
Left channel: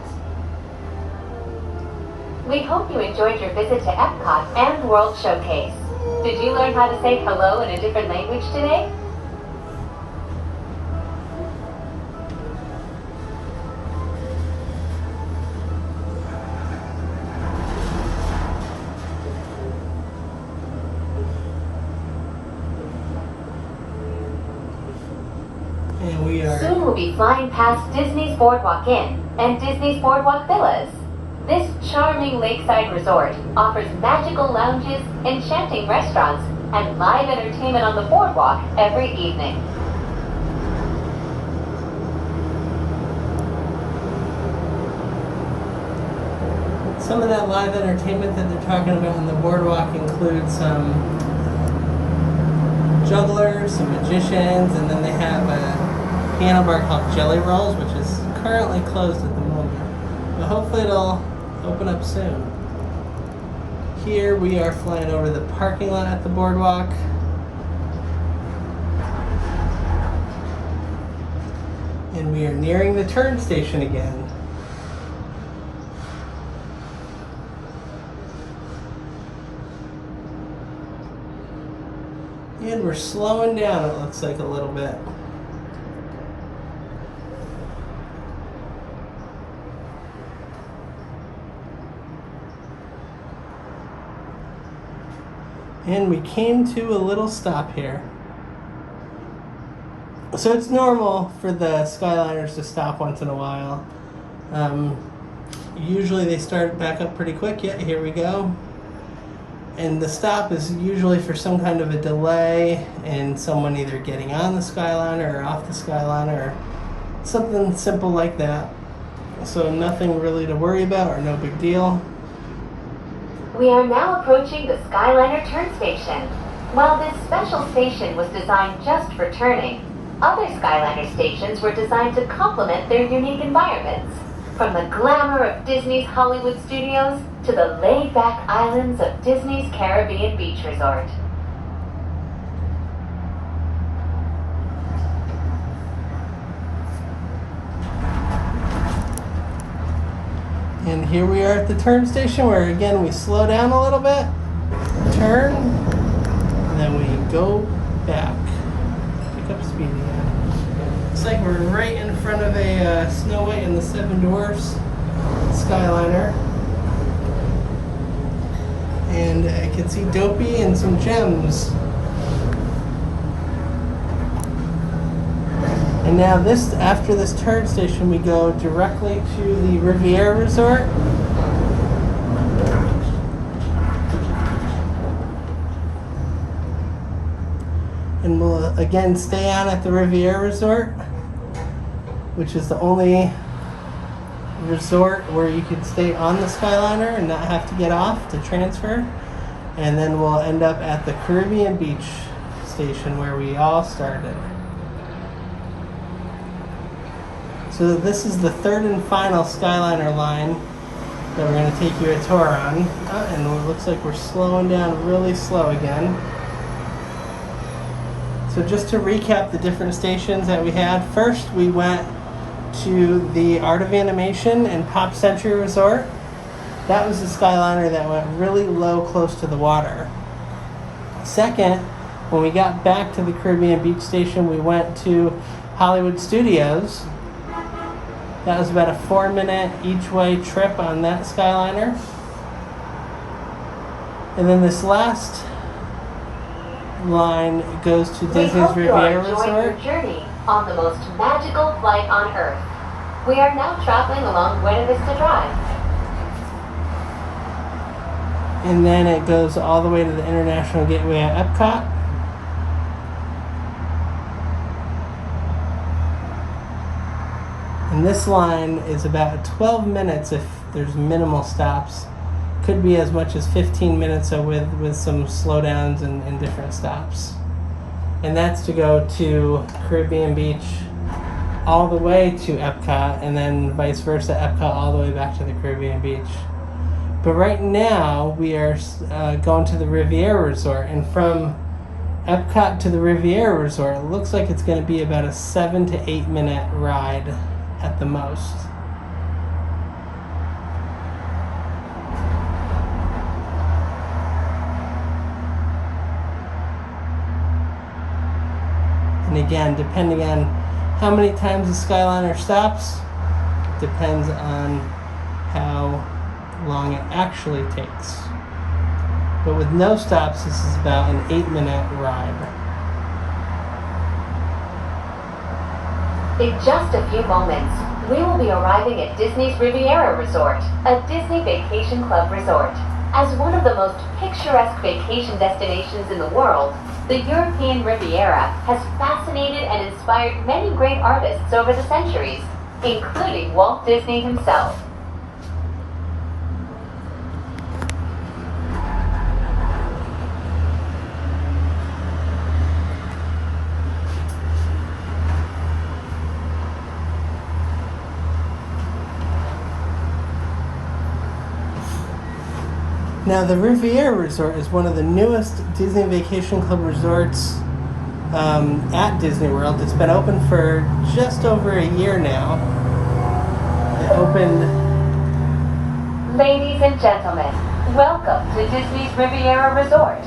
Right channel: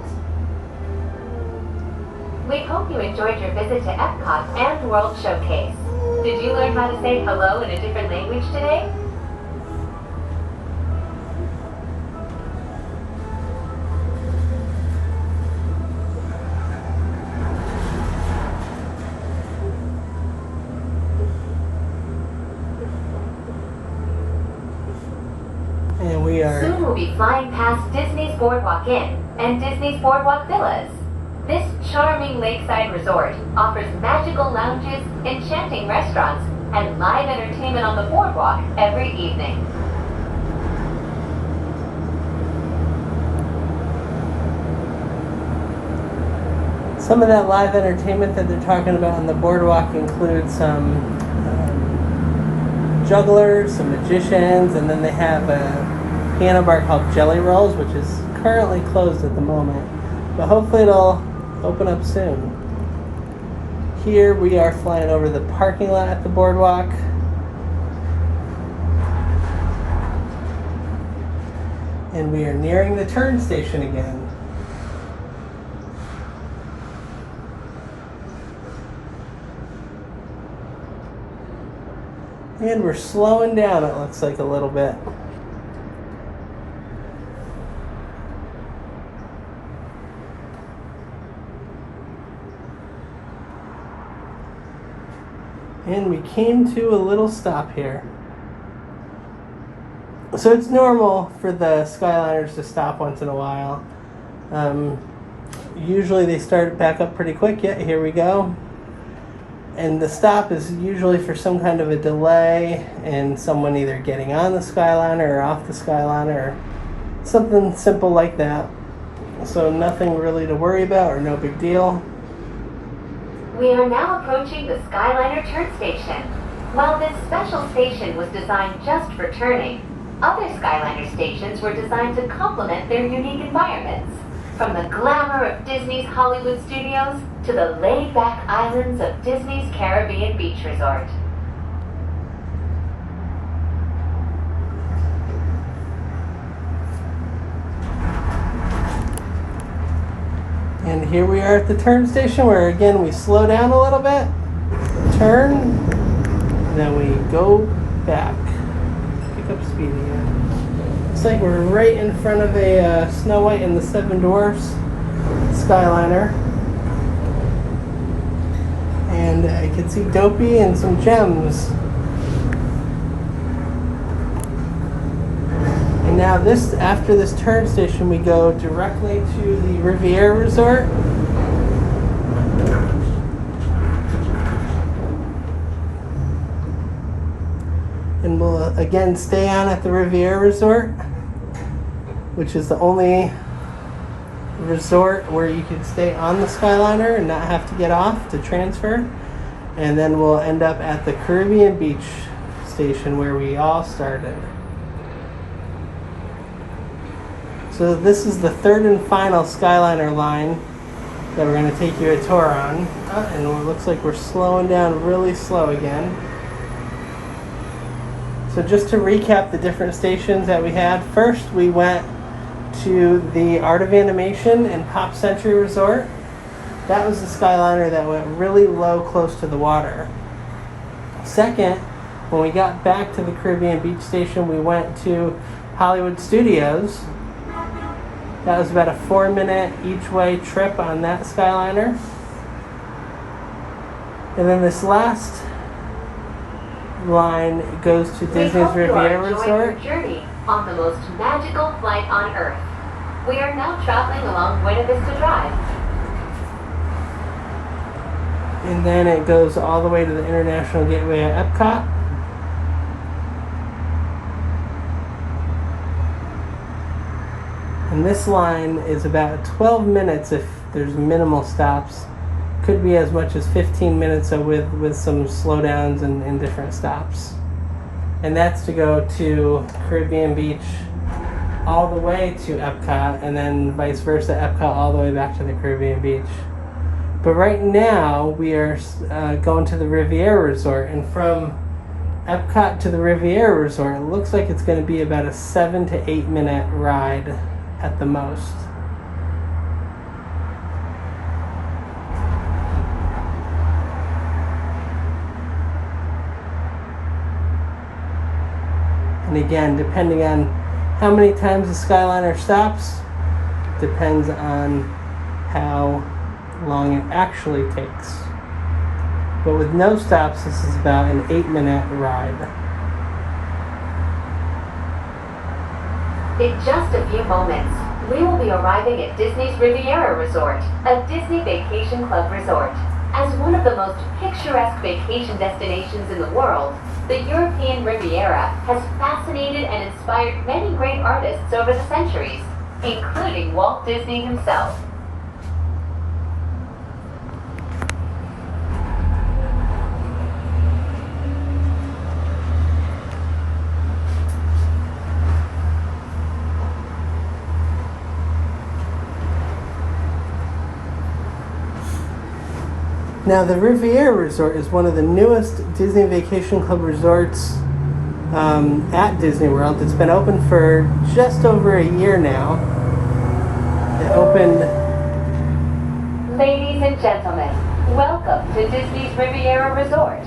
We hope you enjoyed your visit to Epcot and World Showcase. Did you learn how to say hello in a different language today? And we are Soon we'll be flying past Disney's Boardwalk Inn and Disney's Boardwalk Villas. This charming lakeside resort offers magical lounges, enchanting restaurants, and live entertainment on the boardwalk every evening. some of that live entertainment that they're talking about on the boardwalk includes some jugglers, some magicians, and then they have a piano bar called Jelly Rolls, which is currently closed at the moment, but hopefully it'll open up soon. Here we are flying over the parking lot at the boardwalk. And we are nearing the turn station again. And we're slowing down, it looks like, a little bit. And we came to a little stop here. So it's normal for the Skyliners to stop once in a while. Usually they start back up pretty quick. Yeah, here we go. And the stop is usually for some kind of a delay and someone either getting on the Skyliner or off the Skyliner or something simple like that. So nothing really to worry about or no big deal. We are now approaching the Skyliner turn station. While this special station was designed just for turning, Other Skyliner stations were designed to complement their unique environments. From the glamour of Disney's Hollywood studios to the laid-back islands of Disney's Caribbean Beach Resort. And here we are at the turn station where again we slow down a little bit, turn, and then we go back. Pick up speed again. Looks like we're right in front of a Snow White and the Seven Dwarfs Skyliner. And I can see Dopey and some gems. And now after this turn station, we go directly to the Riviera Resort. And we'll again stay on at the Riviera Resort, which is the only resort where you can stay on the Skyliner and not have to get off to transfer. And then we'll end up at the Caribbean Beach station where we all started. So this is the third and final Skyliner line that we're going to take you a tour on. And it looks like we're slowing down really slow again. So just to recap the different stations that we had. First we went to the Art of Animation and Pop Century Resort. That was the Skyliner that went really low close to the water. Second, when we got back to the Caribbean Beach station, we went to Hollywood Studios. That was about a 4-minute each way trip on that Skyliner. And then this last line goes to Disney's Riviera Resort. Journey on the most magical flight on Earth. We are now traveling along Buena Vista Drive. And then it goes all the way to the International Gateway at Epcot. And this line is about 12 minutes if there's minimal stops. Could be as much as 15 minutes with some slowdowns and different stops. And that's to go to Caribbean Beach all the way to Epcot, and then vice versa, Epcot all the way back to the Caribbean Beach. But right now we are going to the Riviera Resort, and from Epcot to the Riviera Resort, it looks like it's going to be about a 7 to 8 minute ride at the most. And again, depending on how many times the Skyliner stops, depends on how long it actually takes. But with no stops, this is about an 8-minute ride. In just a few moments, we will be arriving at Disney's Riviera Resort, a Disney Vacation Club resort. As one of the most picturesque vacation destinations in the world, the European Riviera has fascinated and inspired many great artists over the centuries, including Walt Disney himself. Now, the Riviera Resort is one of the newest Disney Vacation Club resorts at Disney World. It's been open for just over a year now. It opened... Ladies and gentlemen, welcome to Disney's Riviera Resort.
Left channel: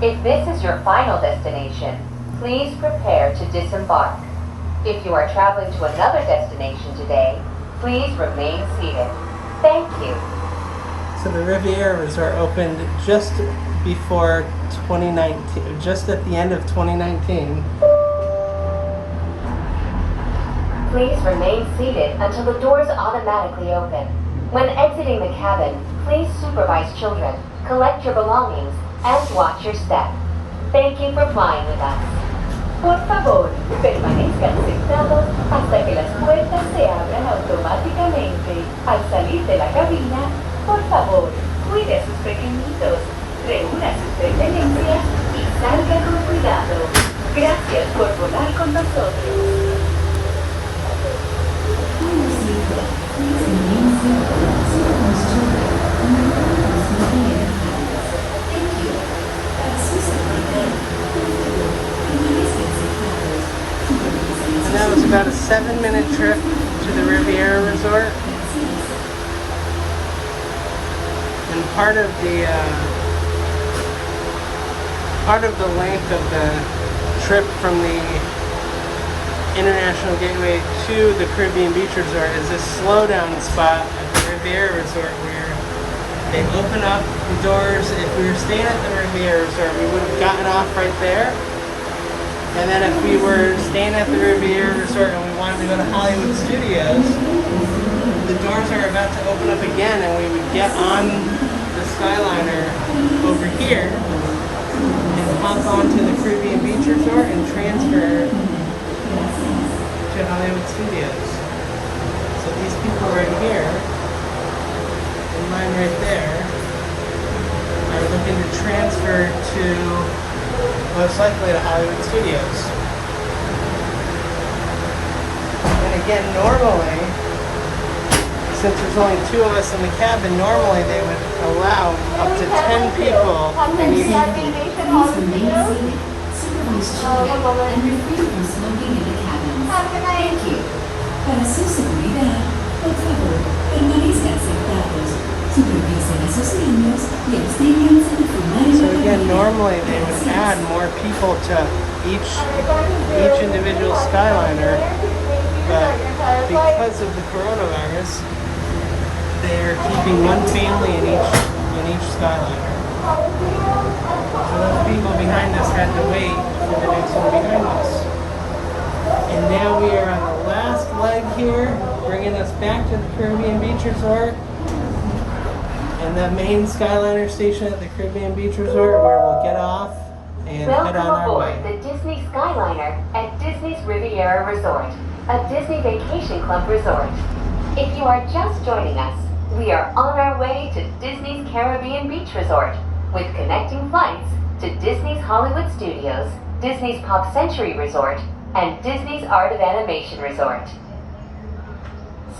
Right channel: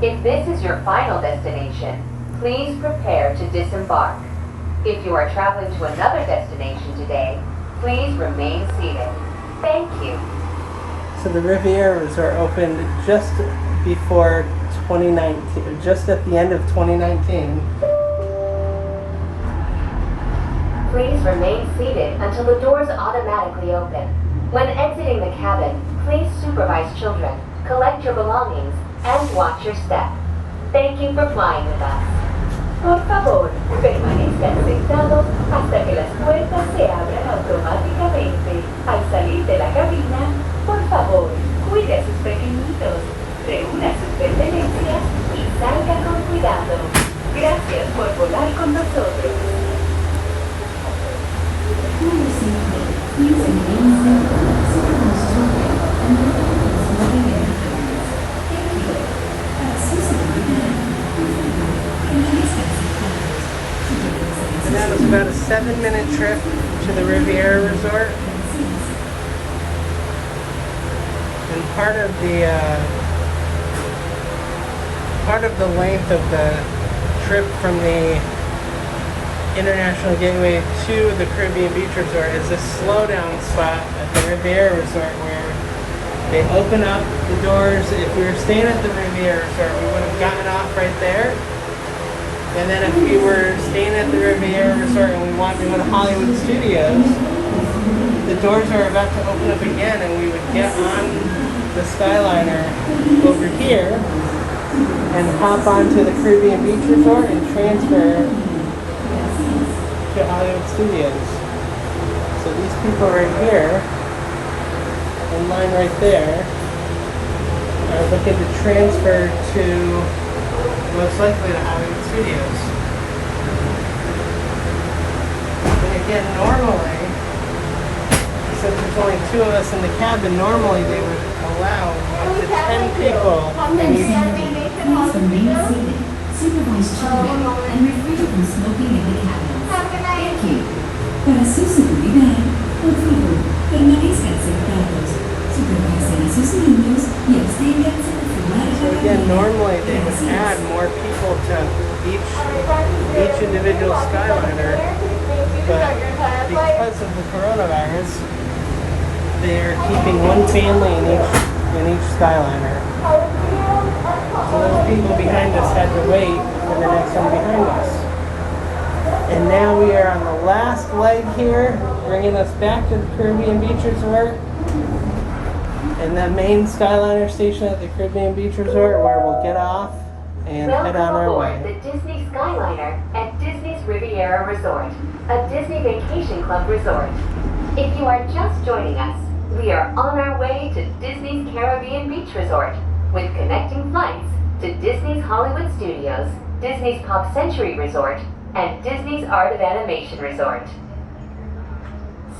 If this is your final destination, please prepare to disembark. If you are traveling to another destination today, please remain seated. Thank you. So the Riviera Resort opened just before 2019, just at the end of 2019. Please remain seated until the doors automatically open. When exiting the cabin, please supervise children, collect your belongings, and watch your step. Thank you for flying with us. Por favor, permanezcan sentados hasta que las puertas se abran automáticamente. Al salir de la cabina, por favor, cuide a sus pequeñitos, reúna sus pertenencias y salga con cuidado. Gracias por volar con nosotros. And that was about a 7-minute trip to the Riviera Resort. And part of the length of the trip from the International Gateway to the Caribbean Beach Resort is this slowdown spot at the Riviera Resort where they open up the doors. If we were staying at the Riviera Resort, we would have gotten off right there. And then if we were staying at the Riviera Resort and we wanted to go to Hollywood Studios, the doors are about to open up again and we would get on the Skyliner over here and hop onto the Caribbean Beach Resort and transfer to Hollywood Studios. So these people right here, in line right there, are looking to transfer to most likely to Hollywood Studios. And again, normally, since there's only 2 of us in the cabin, normally they would allow up to 10 people in each. Supervise children and refrain from smoking in the cabins. Thank you. Para su seguridad, por favor, permanezcan sentados. Supervisen a sus niños y absténganse de fumar en la So again, cabina. normally they would add more people to each individual Skyliner, but because of the coronavirus, they are keeping one family in each Skyliner. And those people behind us had to wait for the next one behind us. And now we are on the last leg here, bringing us back to the Caribbean Beach Resort and the main Skyliner station at the Caribbean Beach Resort, where we'll get off and head on our way. Welcome aboard the Disney Skyliner at Disney's Riviera Resort, a Disney Vacation Club resort. If you are just joining us, we are on our way to Disney's Caribbean Beach Resort with connecting flights to Disney's Hollywood Studios, Disney's Pop Century Resort, and Disney's Art of Animation Resort.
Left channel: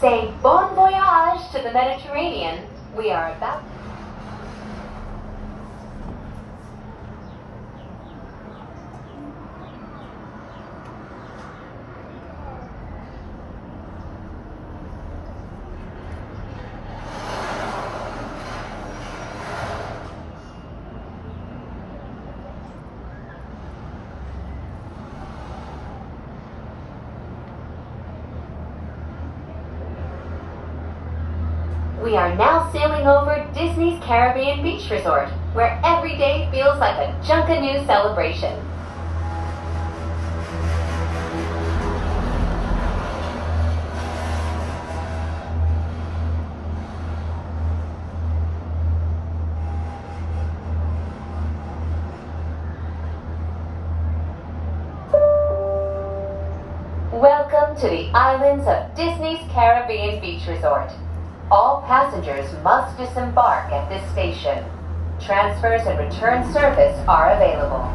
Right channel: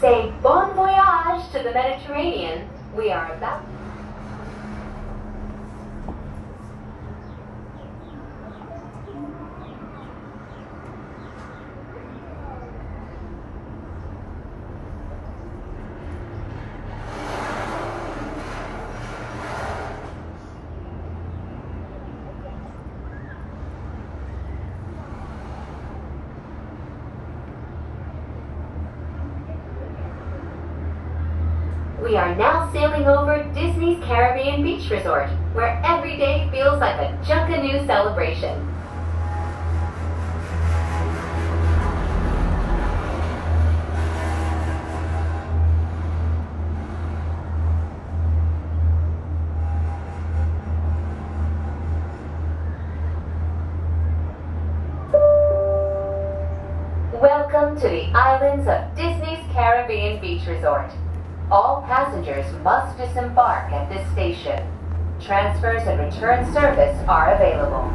Say bon voyage to the Mediterranean. We are about... We are now sailing over Disney's Caribbean Beach Resort, where every day feels like a Junkanoo celebration. Welcome to the islands of Disney's Caribbean Beach Resort. All passengers must disembark at this station. Transfers and return service are available.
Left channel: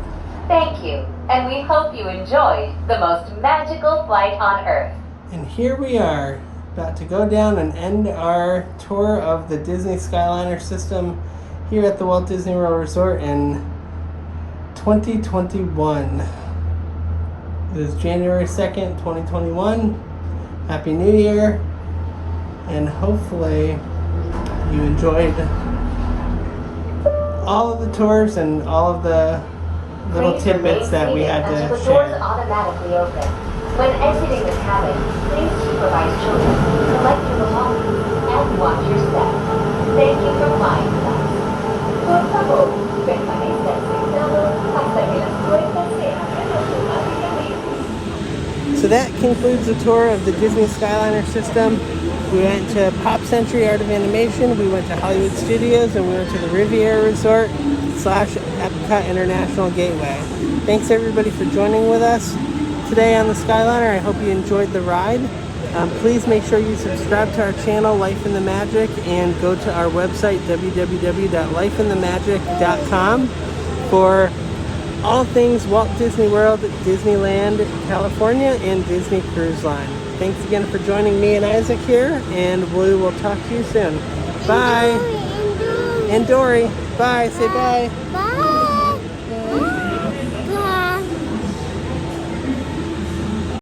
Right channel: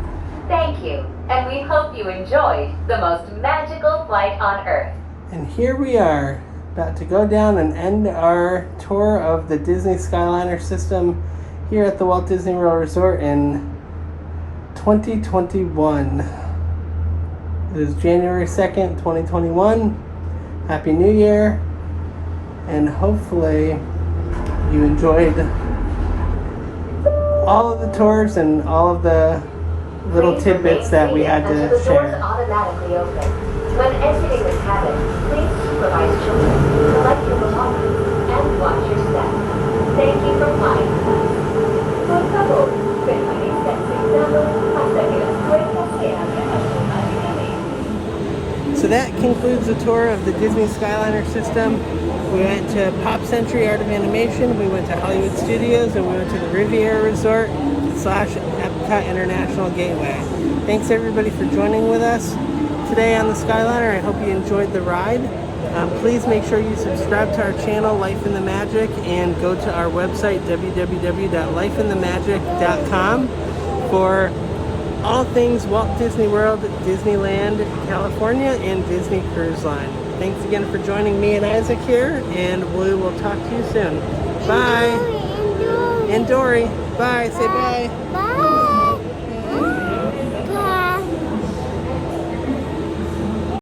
Thank you, and we hope you enjoyed the most magical flight on Earth. And here we are, about to go down and end our tour of the Disney Skyliner system here at the Walt Disney World Resort in 2021. It is January 2nd, 2021. Happy New Year. And hopefully you enjoyed all of the tours and all of the little tidbits that we had to Until the share. doors automatically open. When exiting the cabin, please supervise children, collect your belongings, and watch your step. Thank you for flying with us. Por favor, permanezcan sentados hasta que las puertas se abran automáticamente. So that concludes the tour of the Disney Skyliner system. We went to Pop Century Art of Animation, we went to Hollywood Studios, and we went to the Riviera Resort / Epcot International Gateway. Thanks everybody for joining with us today on the Skyliner. I hope you enjoyed the ride. Please make sure you subscribe to our channel, Life in the Magic, and go to our website, www.lifeinthemagic.com, for all things Walt Disney World, Disneyland, California, and Disney Cruise Line. Thanks again for joining me and Isaac here, and we will talk to you soon. Bye. And Dory. Bye. Say bye. Bye.